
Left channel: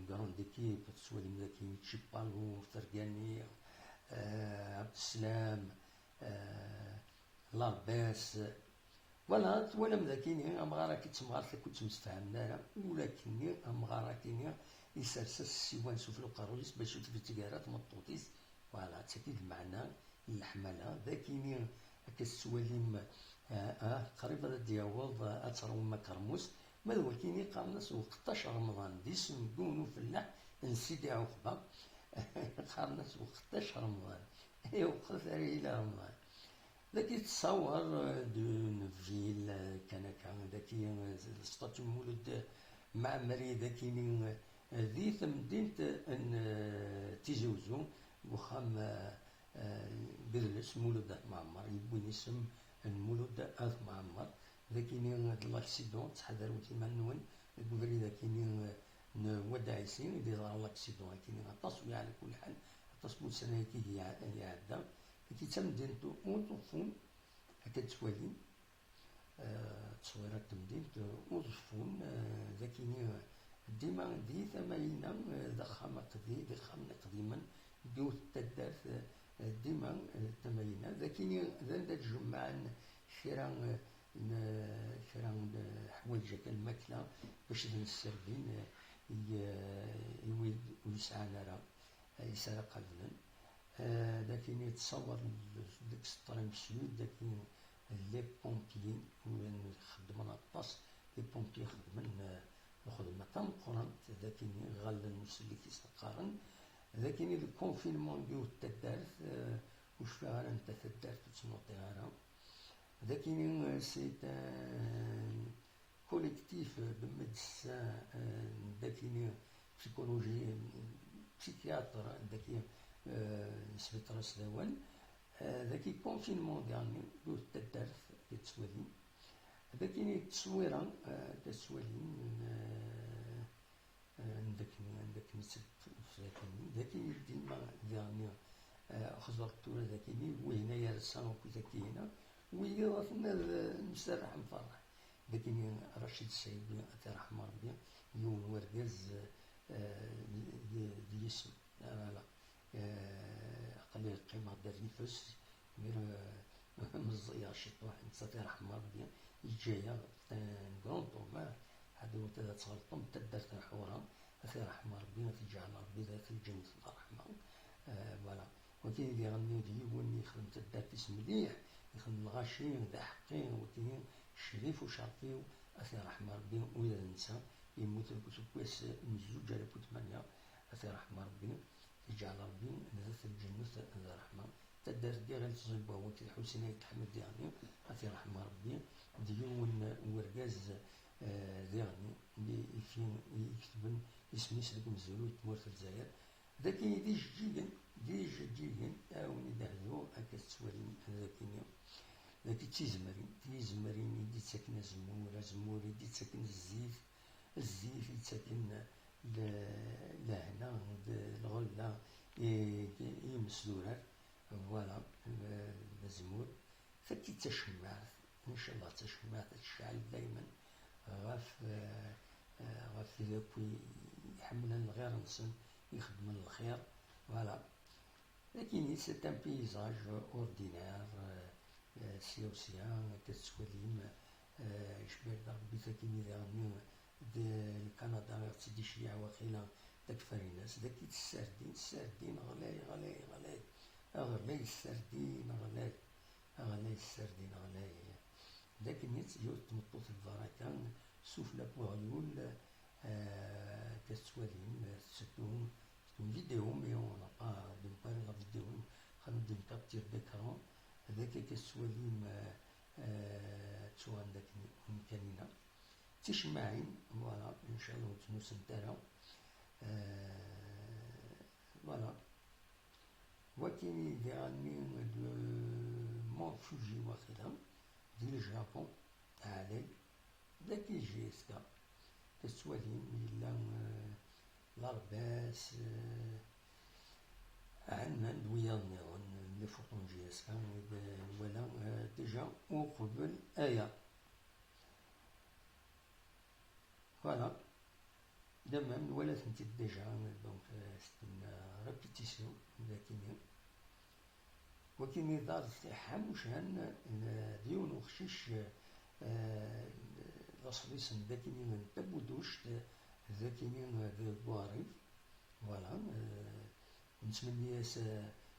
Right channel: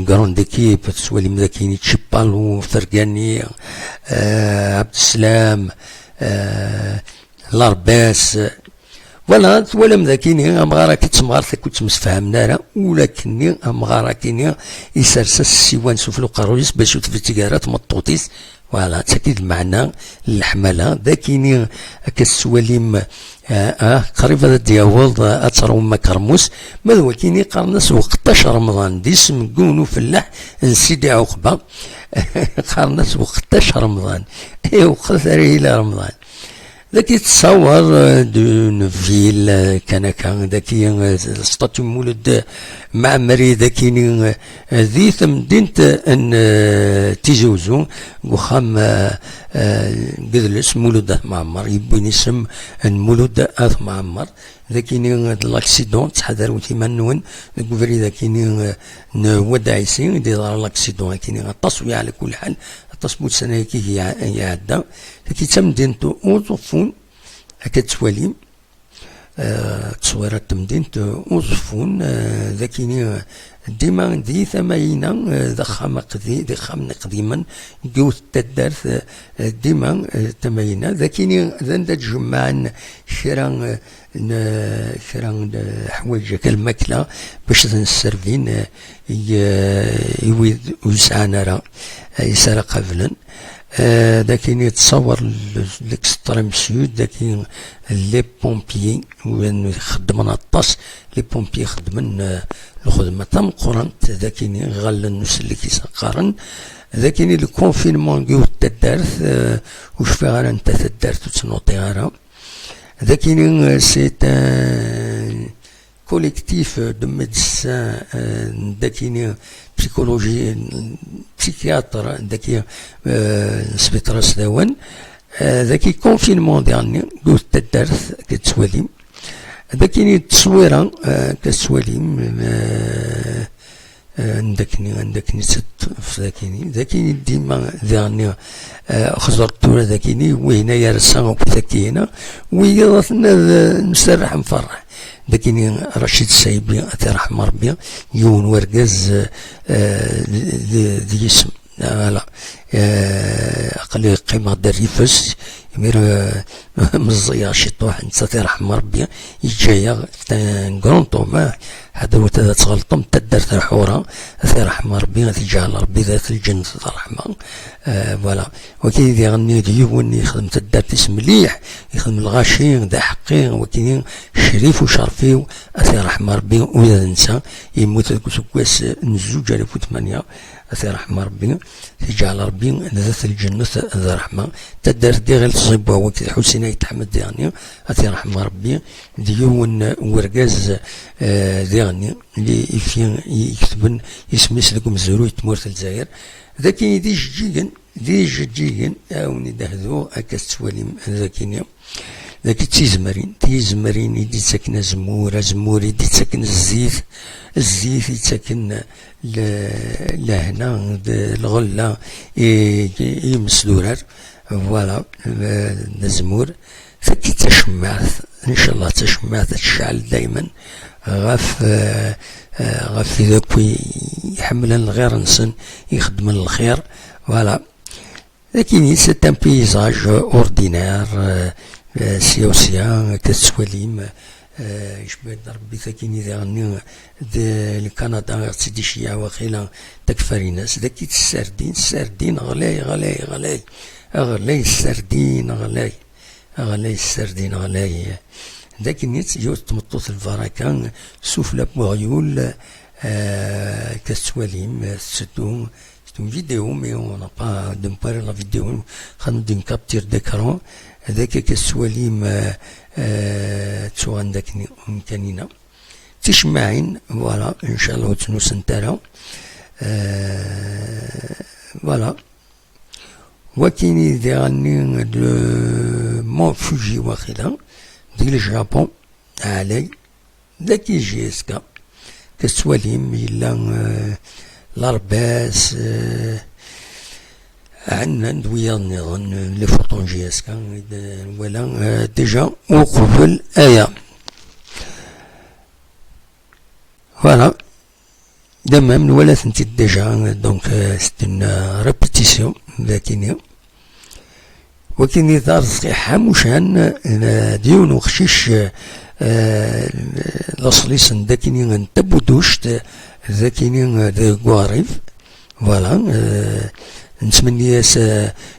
كراند ايكيب تسواليم ذاكيني تشيبالو فرقاني عبد السلام لارباس فوالا توالم ذاكيني امغارا كتمغار كنت مسفهمنا راه ولكني امغارا كيني يسرسس السيوان سفلو قارويس باش في التجارات مطوطيس فوالا تاكيد المعنى الحمله ذاكيني كالسواليم قريب هذا دياولد اترو مكرموس ماذا هو كيني قرنس وقتاش رمضان دي اسم كونو فلاح نسيدي عقبه قرنس وقتاش رمضان وقت الى رمضان ذاك يتصور دون فيل كان ذاكي ستاتيو مولد معمري ذاكي ذي مدينة ان تيزوزو وخام قدلس مولد معمر يبين اسم مولد اث معمر ذاكي لاكسيدون تحذروا ثمانون الكفري ذاكي وداعيسي دي دار لاكسيدون كاين التصوير على كل حال تصبوت سنة كي يعدى كي تمدينتو اوظفون هكا تسواليم تصويرات تمدينتو اوظفون ذاكيني ديما دي ثماينا ضخام قديما جوث تدارث ديما ثماينا ذاكيني ذندا تجمعن شرا حوايج كالماكله باش تنسرفين يوسعنا راه يسرى قبلا ذاكين يتصور ليكستريم سود ذاكين لي بومبيي وين يخدمون الطاس لي بومبيي يخدمن الخدمه تم قرنت ذاكين غالا الناس اللي كيسقارن ذاكين الكونفينمون كيو تدارث وش فيها غير انت تدارث وتنوطي غير ذاكين سي collectif de médecins ذاكيني بسيكولوجي بسيكياتر ذاكي سبيطرا سداوان ذاكي كونفينمون ديالني قلت تدارث كتسواليم ذاكيني التصويره كتسواليم عندكني ست ذاكيني ديما ذاني خزرت ولا ذاكيني وهنا يرسا وكذاكينا ويضنا نسرح نفرح ذاكيني رشيد السايبي رحمه ربي يون ورقاز ذي اسم لا قال قيمة الريفس يمير مزيا شي طوح نتا رحمه ربي يجايا كرونطو ما هذا هو تغلطم تدرت الحورة رحمه ربي غتجعل ربي ذات الجنة الرحمة فوالا وكاين اللي يغني ديون يخدم تدرت مليح يخدم الغاشي ذا حقي وكاين شريف وشرفي رحمه ربي وإذا نسى يموت سكواس نزوج 2008 رحمه ربي تجعل ربي ذات الجنة ذا رحمة تدار دي غير تصيبها وكذا حسين يتحمد يعني رحمه ربي ديون ورقاز ديغني اللي يكتبن يسمي لكم زروي تمورت الجزائر ذاكي دي جيجن اوني دهذو هكا تسواليم ذاكيني ذاك تيزمرين يدي تسكن زمور يدي تسكن الزيت يتسكن لهنا الغلة يمسدورر فوالا الزمور فكي تشمعت ان شاء الله تشمعت تشعل دايما غاف ذاك يحمل الغير نسن يخدم الخير فوالا لكن سي ان بيزاج اوردينير سياسيا كتسواليم يشبه ربي ثاكيني ذا الكندا سيدي شيا واخيلا تكفري ناس ذاك السردين غلاي السردين ذاك النيت يوت تمطوط الفراكان سوفلا بوغيول كتسواليم ستو فيديو مي اون با دو مباري لا فيديو خاندو دين كابتير ديكرون هذاك كسواليم تسوغان داكني مكانينا تشمعين فوالا ان شاء الله وتنوس نتالا فوالا وكيني ديغني دو مون فوجي واخيلا ديال الجابون علي ذاك يجي اسكا كسواليم إلا لارباس عندنا ندويا نظن لي فوطون جي اسكا ولا ديجا وقبل فوالا دمام ولا ثنتي ديجا دونك سيت اون ريبيتيسيون لكن وكاين دار صحيحة مشان ديون وخشيش لاصليس داكيني نتبودوشت ذاكيني ذا كواريف فوالا نتمنى ياس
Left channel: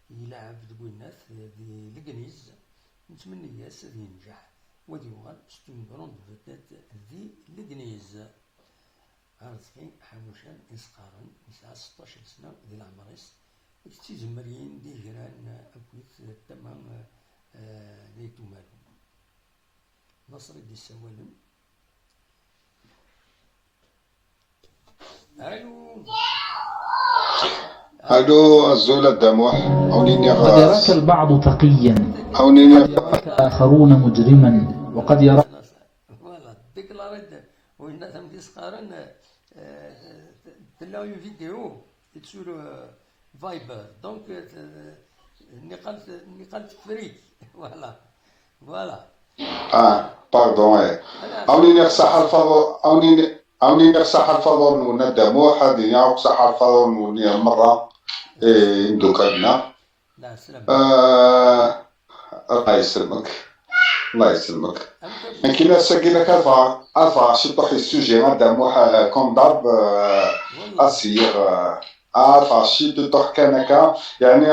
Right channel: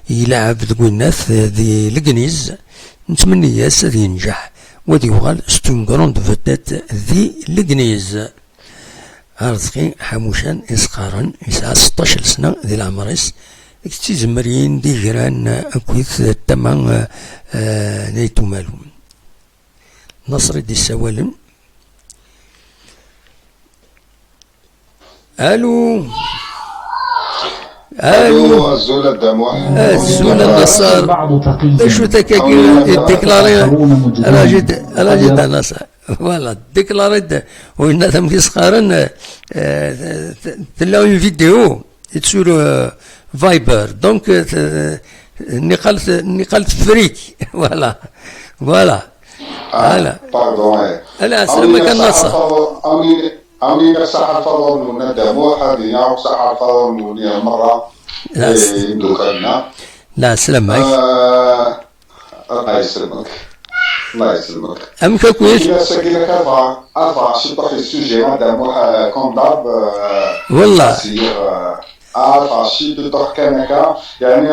يلعب ذو الناس ذي لكنيز نتمنى ياس ذي ينجح ودي يوغال ستون كروند فوتات ذي لكنيز رزقي حموشان يسقارن يسعى 16 سنة ذي العمريس تيزمرين دي جيران أكويث التمام نيتو مالو نصر دي السوالم الو الزولة الدموح الزولة بعض تقيا شو ديكلاري راجد ناس فوالا ديكلاري وإن ثم كيسقارن تلاو فيديو يتسور فايبر دونك نقلت فريك فوالا باردون لا سلامك الناس أوني نفسح الفضل من الدموح هذه يوم صح الفضل من مرة دوكانا لا سلامك الله يسلمك الله يسلمك أمك كويس كنا ساكنك أربعة شطح السوجي مع الدموح كوم ضرب والله فاشي تطرح كنكا يعني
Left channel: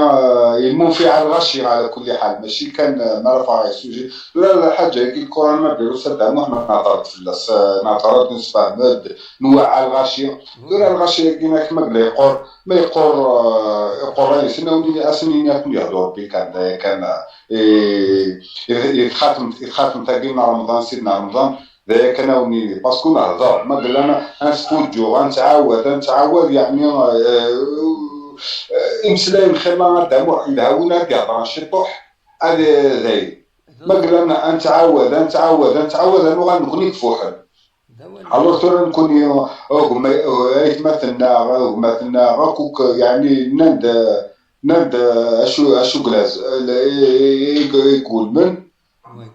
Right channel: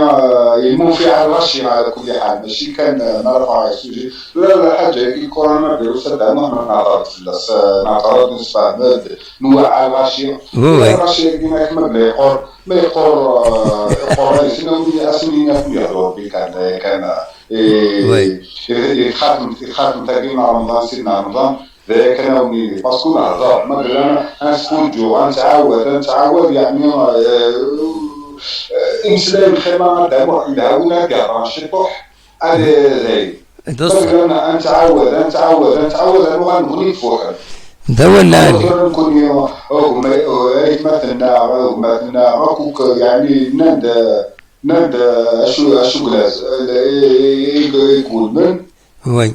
يمون في على الغشي على كل حال ماشي كان نرفع السوجي لا حاجه الكورونا ما ديرو سدا ما نعترض فلاس نعترض نسبه مد نوع الغشي ولا الغشي كيما ما يقور شنو ندير اسمي في يهضر بك كان يخاتم تاقينا رمضان سيدنا رمضان ذاك انا وني باسكو نهضر ما قال انا نسكون جو نتعاود يعني امسلاي الخيمه دابا يدهونا كاع شطوح هذا زي قال انا نتعاود انا غنغني فوحل دا ولا مثلا نكون مثلنا راكوك يعني ناد اشو كلاز يقول من وي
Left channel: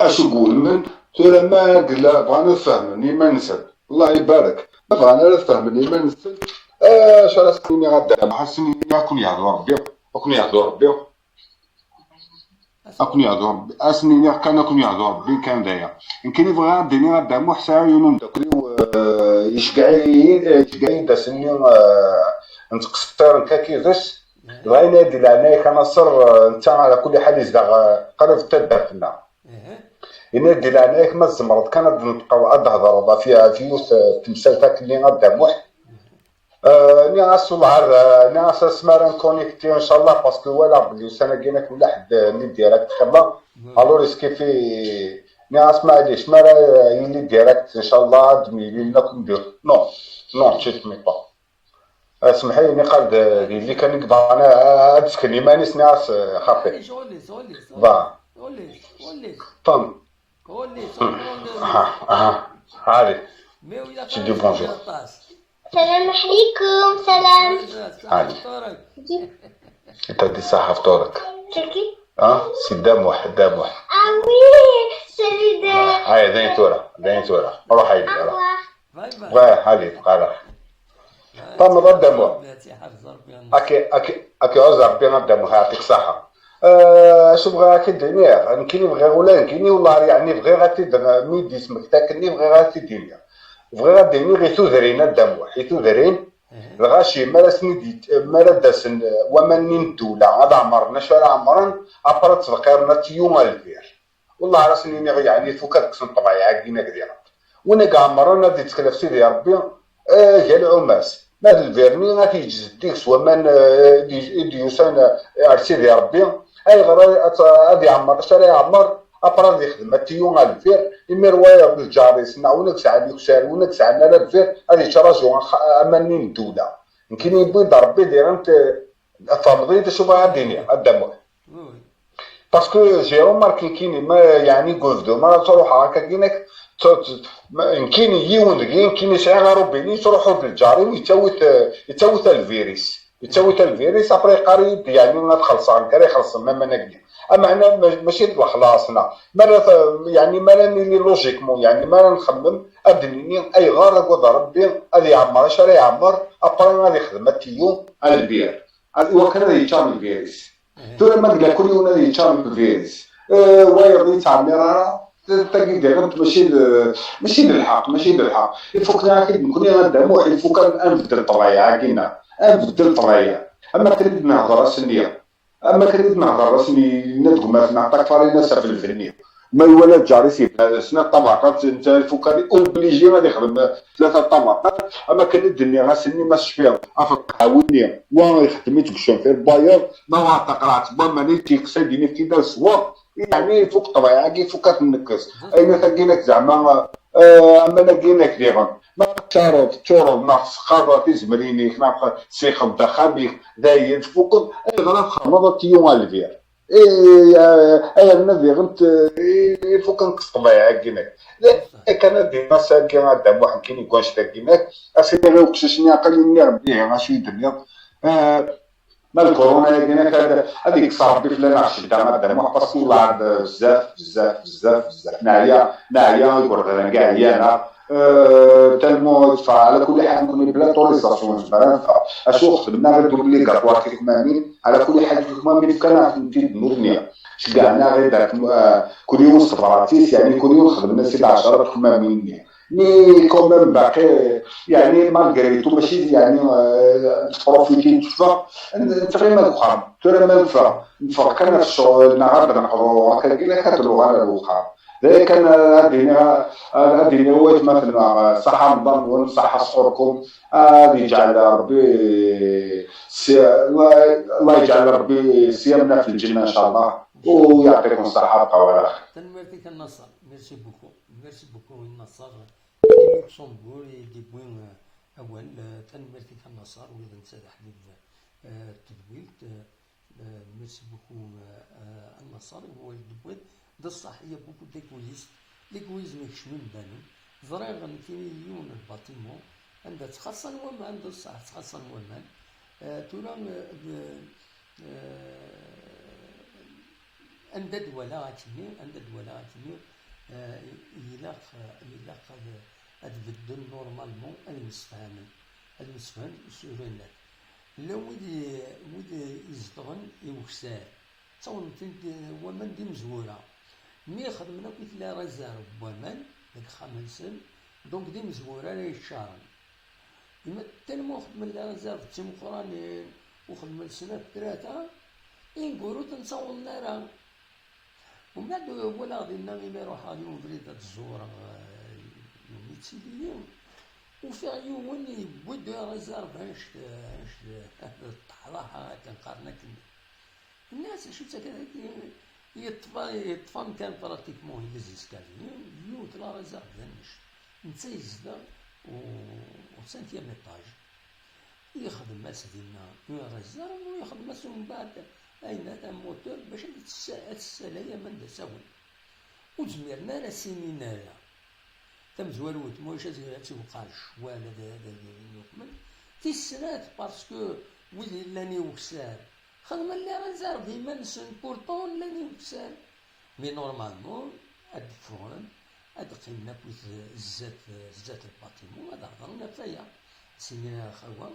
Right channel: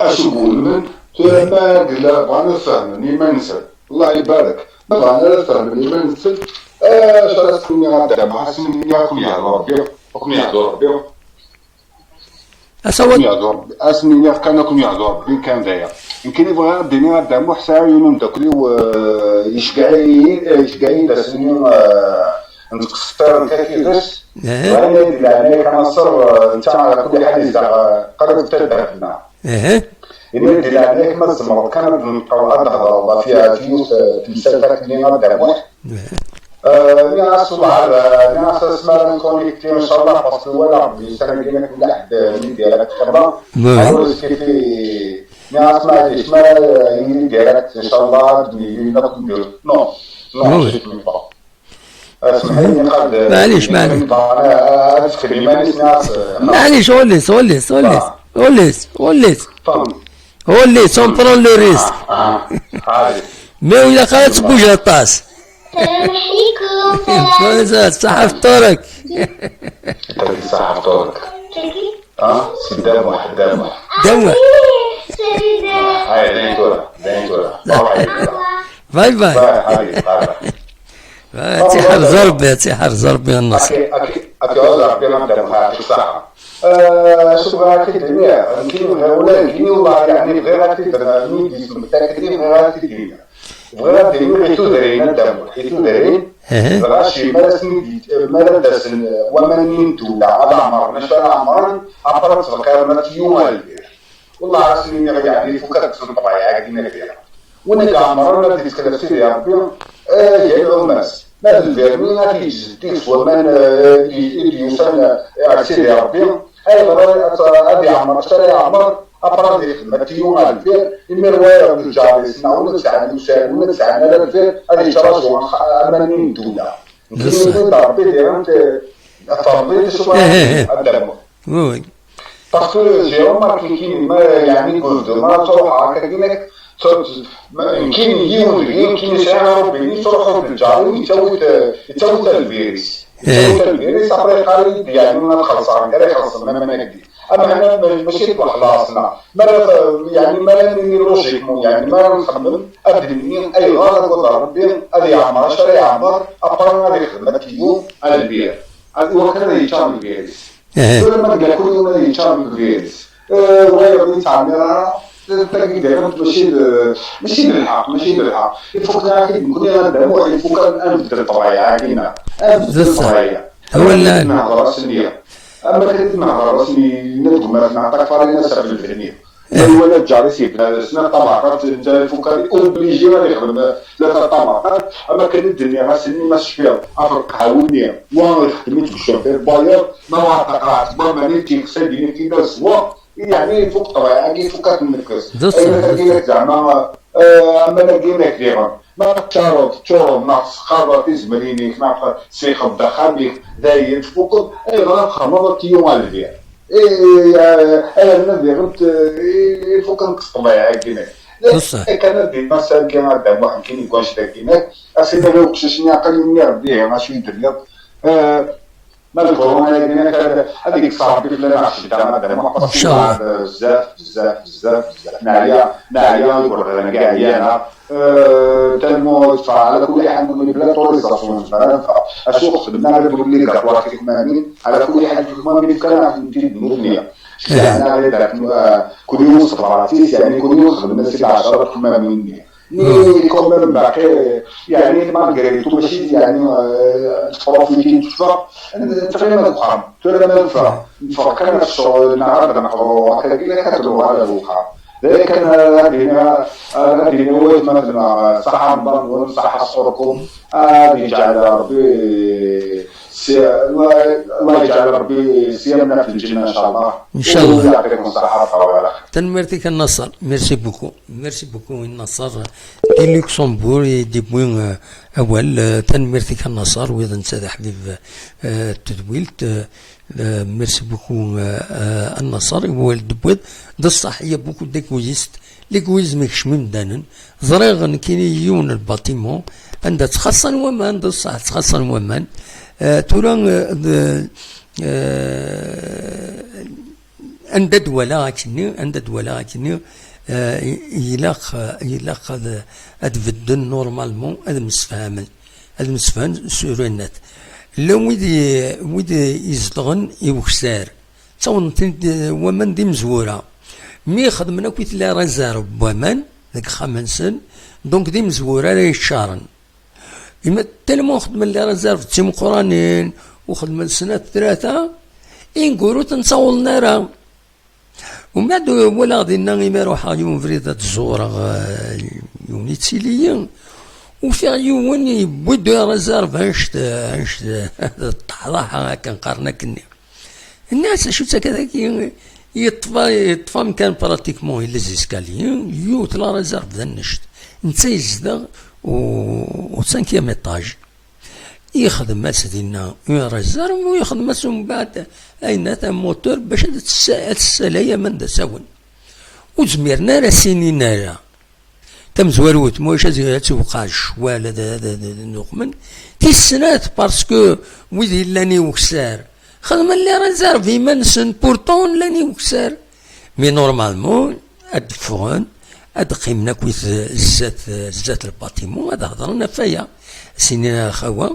اشو يقول من ترى ما قلا بغانا نفهمني ما نسال الله يبارك بغانا نفهمني ما نسال شرا سكوني غدا مع سنين يكون يهضر ربي يكون يهضر ربي أسود اسني كان يكون يهضر ربي كان داير يمكن يبغى الدنيا غدا محسا يونم داكلي يشقعين دا سنين نتكسر كاكيدس غاين يدي لعناية كنصر انت على كل حال يزدغ قرب تدرنا يدي لعناية كما الزمرض كانت نبقاو أدهضر والله فيها فيوس تمثال اللي غدا موح ناس وبعد ناس اسمها كونيكتي ان شاء الله باسكو ولا بدي سنه كاينه كل واحد من ديالك تخبى الو كيفي ناس ما عادش ما يلي ديالك ان شاء الله تبني لنا ندير نو جيت مي با اسمح لي قد معليش انا ادخل مانيش ناس معليش وليس سون برون لو ريسك هذه مي ولا قالت بوجه الطاس السلام عليكم. سلام. صحة فطورك. تلقي صحة فطورك. تلقي؟ سي دموح. آمين. سيدة. هاي دين تورا. روحي. باي. حبيبي. تحر زربي النص. أكي عذر بينا دموح يعطيك صحة. شو بغا هاكي الدنيا يمكن بغا ولا يمكن والله يعني بغا هاكي ميدي اسمك تاكدني بغا هاكي الدنيا. بغا ديني غيتو دارين الدم حيتو دارين غاشي مالا داسن ومن دولا هذا عمرنا شو عمرنا ابرا تفكرنا تيوم البير والله راسني يعني فكرت في الطبيعه كدينا كدير وانا كاع عمرنا بديت تكلف سيدي ربي يا العماس ما الفيرمي ما تيجي سوا من يوصل سيدي ربي اي غير ابي عمر شري عمر أبرز يخدم تيوم الفير إما رواية بالجاريس نعونا تساعدنا الفير هذه شراجو أمانين دولة يمكن يقول ربي ديرانت فرضي تشوف الدم باسكو جيرو ماركين كيني ما يعني قلدو ما تروح هكا كينك يمكن يمكن يسعى ربي تروحوا بالجاري ويتوت الفيروس أبري قريب يعني ما تخلصان كاري خلصنا ما نقدي أما أنا ماشي خلاصنا مرة يعني ما لاني لوجيك يعني ما نخمم أبدي أي غلط وضرب بين هذه عمر شري عمر أبرنا هذه خدمة يوم على البير وكذا يتشام الفيروس دول ما تلقى كل يوم يتشام الفيروس ويا يتعمر تلاقي دائما ماشي بالحق يفكنا كي نكون غدا موحد يفكر أنبدل الطبيعة كينا أنبدل الطبيعة أما اللي نهضر راسنية أما كنت نهضر راسني ندقو ما نعطيك فارينا سبب الفنية ما يولد جاري سيب هذا السنة طبعات انت فكري اوبليجي غادي يخدم 3 طبعات اما كان الدنيا غاسني ما شفيها افرق عاوني وانا خدمت بالشوفير باير ما قرات ما ماني كيقصدني في دار سوا يعني فوق طبيعه كي فكات النكس اين خليناك زعما اما لقيناك ديغا ما تشارب ناقص خاطر زمريني كنا سيخ الدخابيك داير فوق اي غرام خمضه يوم الفير أنا نبي فوق نقص طبيعي كينك كان دي مثلا كان هذا واحد كاين يكون شتا كينك أسيدي لو كششني عقلي نربيه ماشي يدريض ما الكورونا كينك هذيك صاحبي لنا عشتا هذا محفظ بعد بزاف نعيا يقول لنا كاع انا تلمو على كل حال نكون بلا طوريزاسيون اشو خدمنا غير بلي كاع كمامين على كل حال كمامين كان في الدنيا يعني غير داك كل يوم صفراتيس يعني كل يوم خدمنا 16 كمامين ني كومام باقي يعني مالغريتو ماشي يعني بروفيتي تشوف تقريبا فخام نفكر كان الشغل النهار نقرو هكا كتلو على الوقع كان هذه هو مثلا صحة رمضان وصحة صوركم هذه جعل ربي الله يجعل ربي صيامنا في الجنة إن شاء الله إن شاء الله ويعطيكم الصحة والعافية. تنمرتك النصر ميرسي بوكو النصر دي لوكسمبور دي بوين أول تنمرتك النصر وإذا نساد حبيب تدويلت ميرسي بوكو النصر هو الدبوذ ده الصحية بوكو ديكوزيست ليكويزم يكشم مدانا ظريغ كاين يون الباتيمون عندها تخصن ومان بصح تخصن ومان تورا عند دولا كني يلاق ادفدن نورمالمون هذا مسفهمن سور النت لو ويدي يزلغن يوكسار تصون ومن دي مزوره مي خدمنا كويت لا رزار بومان ذاك خمسن دونك دي مزوره لا يشارن إما تلمو خدم اللي رزار في تيم قرانين وخدم السنة ثلاثة إنقولوا تنصول نارا ومن بعد ولا غادي نغي روحها يوم فريدة الزورة يوم يتسيليا وفي يوم يبدو رزار هانشت الطحراحة كنقارنا كني الناس شو كذا يطفى مكان براتيكمون إلا زيسكاليين يوت لا رزار ذا النشت نتا يزدغ و 5 ايطاج يخدم ماس ديالنا رزار ويخدم ماس من بعد اين تا موتور باش تسالايا من دا ساون وزميرنا راه سينينا راه تم زواروت موش توقع الشوال هذا نقمن تيسنات باسكو ويدي لاني وكسار خدم اللي رزار في منسن بورتون لاني وكسار مي نورمالمون هاد الفرن هاد قيمنا كويت زات الباتيمون هذا هضرنا فيا سنين خوا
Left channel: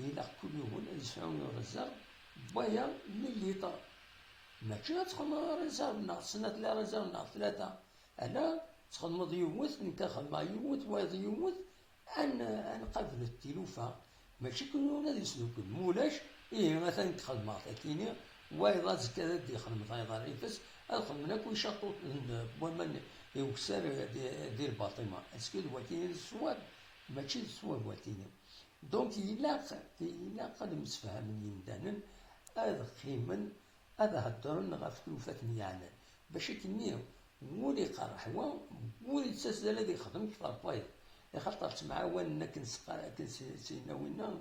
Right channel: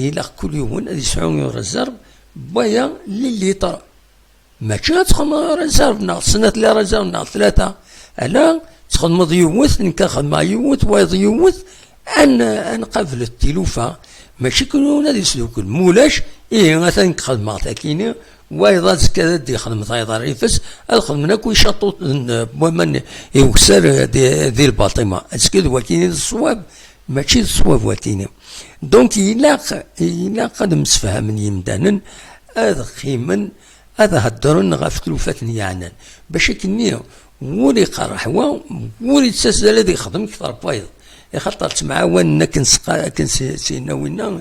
إلا كل يوم هادي 7 رزرف بيا لليتر ماشي تخدم رزرف ناقص سنة لا رزرف ناقص 3 ألا تخدم يوث نكاخد مع يوث وايض يوث أن قبل التلوفة ماشي كلون هادي سلوك مولاش مثلا نخدم مع تاكيني وايضا كذا دي خدمة ايضا ريفس الخدمة كوي شاطو بومن يوكسر دي الباطمة اسكيد وكيني الصواب ماشي الصواب وكيني دونك إلا قد مسفهم يمدانا هذا خيمن هذا هدرن غاف تلوفات نيانا باش كني ولي قرح ولي تساسل الذي يخدم كثر بايض يخطر تمعاون كنسيناوينا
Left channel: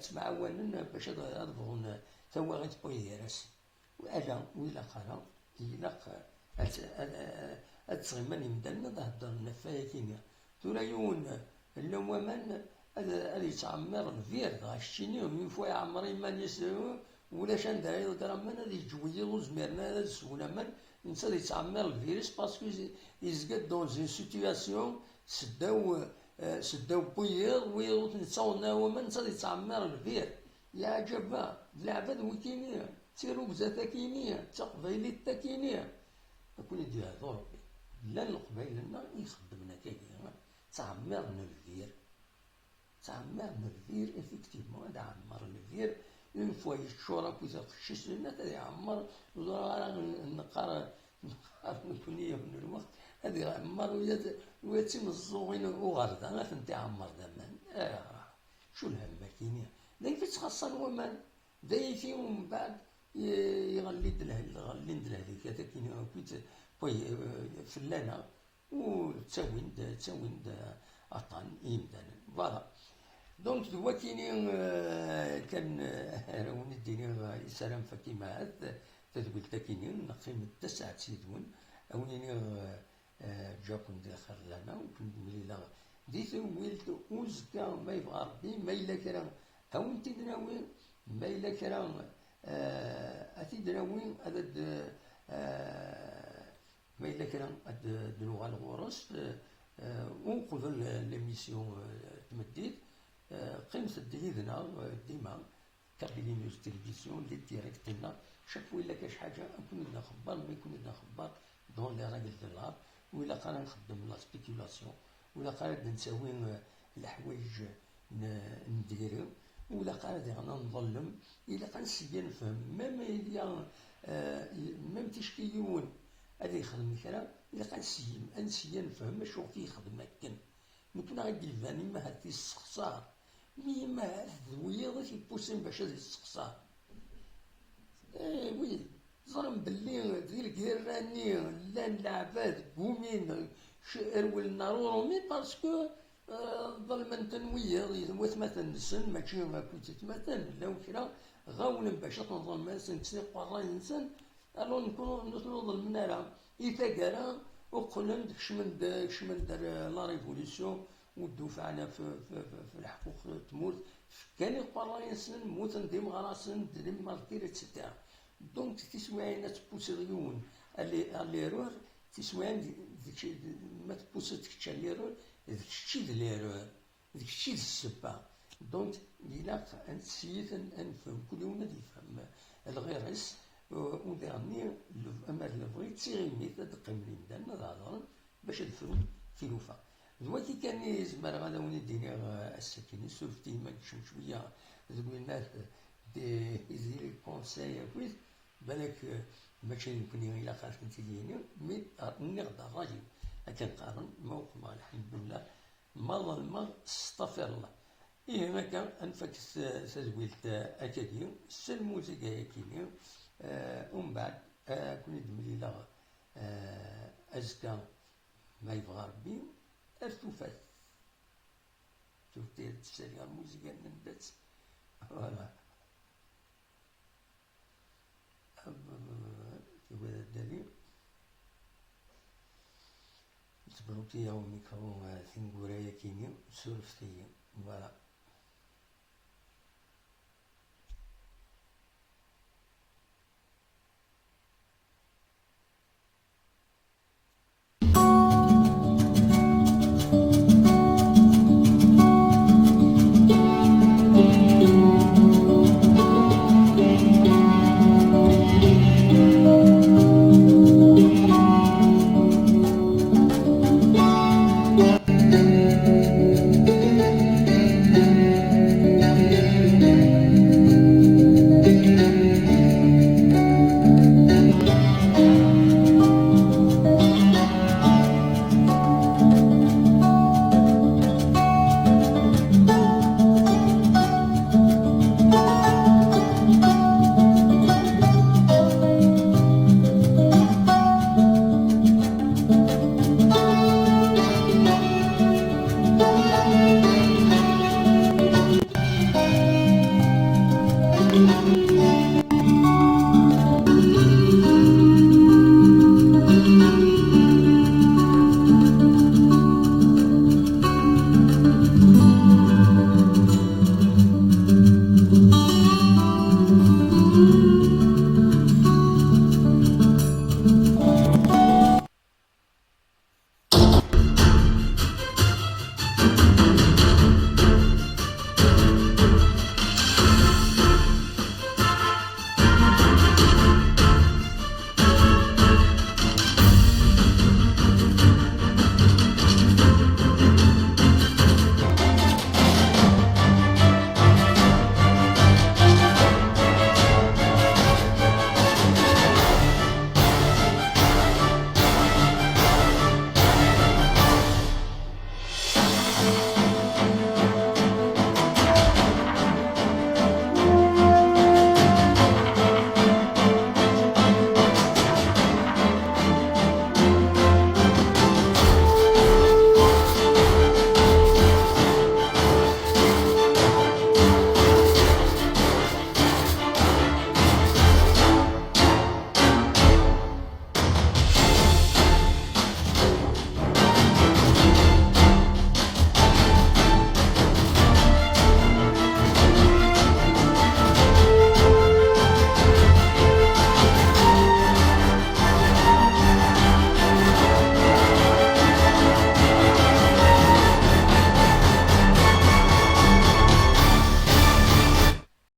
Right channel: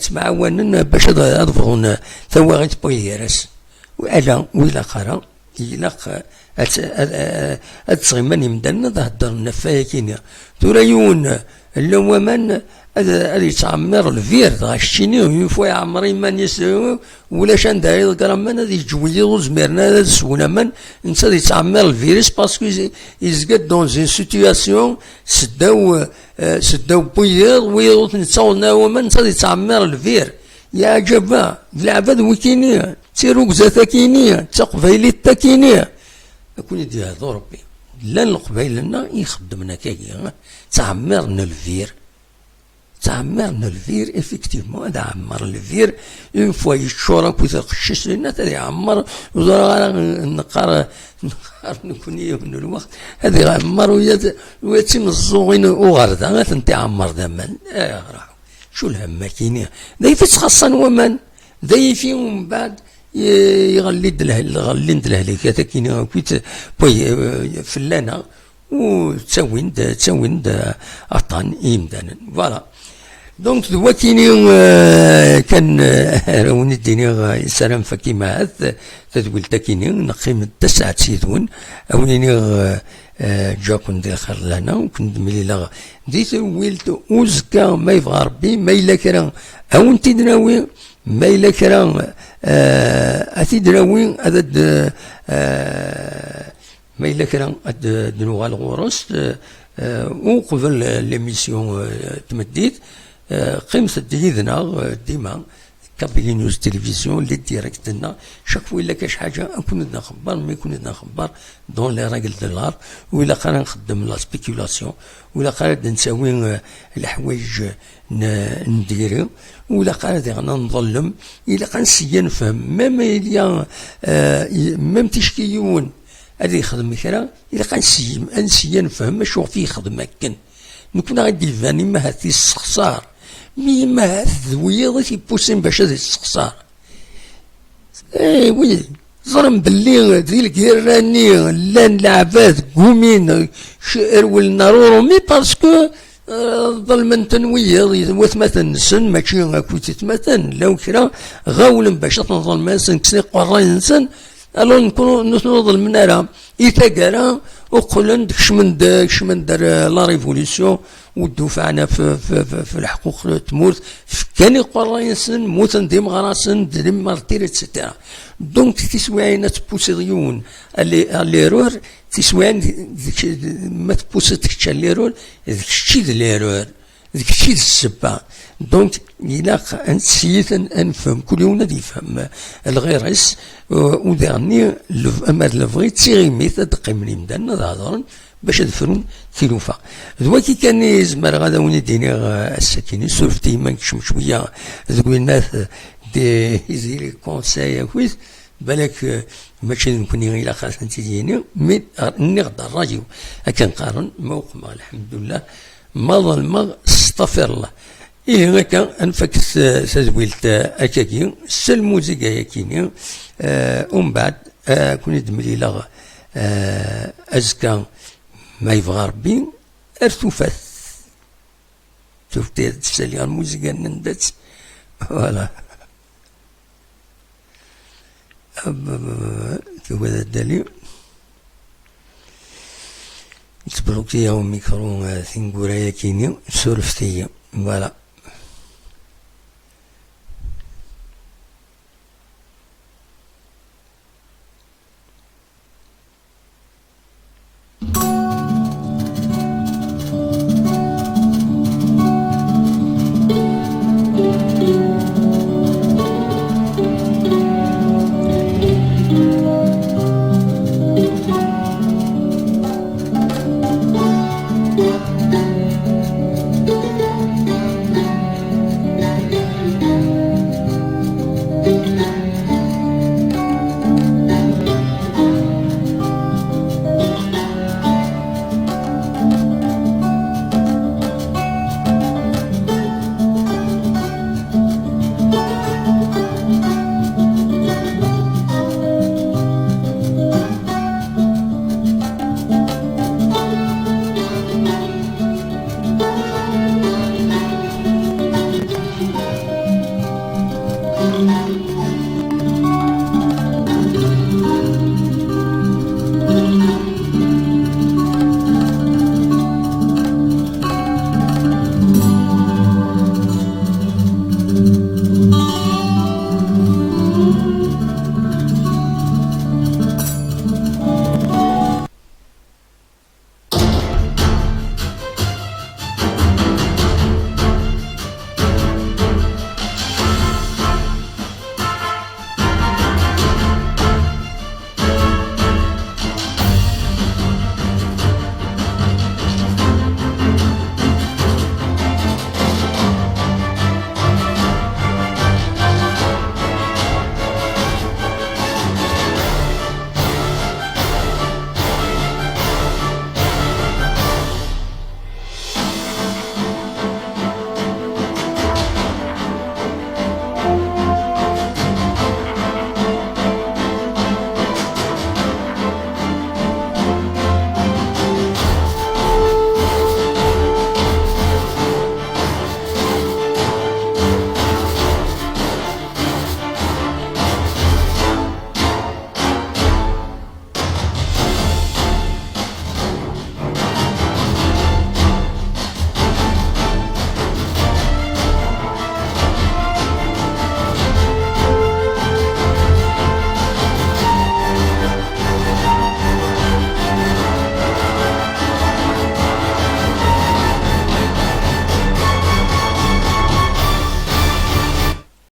تمعاون باش اضفون ثواغيت بويرس وألا وإلا قرا إلا أتصغمان يمدلنا ظهر النفاية كينيا توريون اللو من هذا يتعمر الفير غاشيني يفوا يعمر من يسوي ولا شان داير الكرمان هذا يجوي زميرنا هذا سونا من انت يتعمر الفيروس باسكو يزقد دون زين سيتياسيون سداو بويض ويض نتصورنا ومن انت يتعمر الفير يا جبا العباد وكينيا تيروك زاتا كينيا تقبيلي تاكينيا اكون يدي هذا ربي لا القبيل لنا يخدمنا كاكيا تعمرنا الفير افكتيفمون هذا عمر الفير اون فوا يشورا كويت القشيش لنا هذا يعمر وزرا نقار نكون من الوقت هذا يعمر ويتم الزوغين وغردا غاتنتي عمر دمان شو الهم كينيا ذا يفتخصن ومن ذا يفي من بعد يغلد الهلكات كينيا كويت فلانا وتسوين أطان إيمدانا فوالا دونك دلوقتي كان راوني الدنيا سلام فكيما هذا تدول تاكيني نقيم 9 سيدون أوليني جاكن دي خير لنا وكنت مليلا ديت ويلت وزكا ما يبغى ربي ما إلا كرا أو انت دراوي ما إلا كرا أثي دراوي هذا ما إلا كان دنوغا الغورس وقبل ليميسيون تمديت قيمة ديدنا ديما كابيلي نيوز تلفزيون لي ديريكت لنا شاك فوا إلا كاش حاجة نكون لنا خبار ما يكون لنا خبار دون لي راجل دولار وإلا قرا نخدم لا سبيكيولاسيون وإلا قرا نساوي الحوايج نديرو وإلا قرا ديغنا نظلم إلا قرا نسيا نفهم ميم إليا ميم تشكيون هذا يخدم كرا إلا قا نسيا نفهم شو فيه يخدم هكا نكون غادي الفاني ما هاتي السخسار مي ما هات ذويض تيبوسين باش هذا السخسار وي ظلم باللي ذي الكيراني لان العباد قومين شئرول نارورو مي باسكو ظلمن تنويض وثمثن سن ماشي كوتي تمثن لو كرا غاولن باش تنظلم سن كسي قراي نسن الو نكونو نوض المنارة إيتاكارا وقلن كشمن دار لا ريفوليسيون ودفعنا في الحقوق تموت كان يقول ينسن موتن ديم غراسن ديم مارتير اتسيتيرا دونك تسوين تبوسيون اللي رور تسوين ما تبوسيتكش اللي رور ذيك الشيء اللي رور ذيك الشيء السبة دونك يلاق نسيت نفهم كل يوم يفهم الغيرس وداني اما لفغي تيغيمي تدقيم لي مدان هضرن باش دفرون تيلوفا دواكي كان يزمر غادا وني ديني السكيني سولفتي ما نكشم شويه ذوك الناس دي يزيري كونساي كويس بالك ماشي نكون غير خاص نتيجيني مي نقدر الراجل هكا نقارن موقع الحمد لله ما ظلم استغفر الله إيه هكا أنفك سازويلت أكاكي الموسيقى ياكيني ومن بعد كون يدملي لغ أزكى ما يبغى ربي أرتوفات شفت تسالي الموسيقى نندت فوالا كيف هذا الدليل تبروكي يا ميكرو ثينغورا ياكيني سولفتي فوالا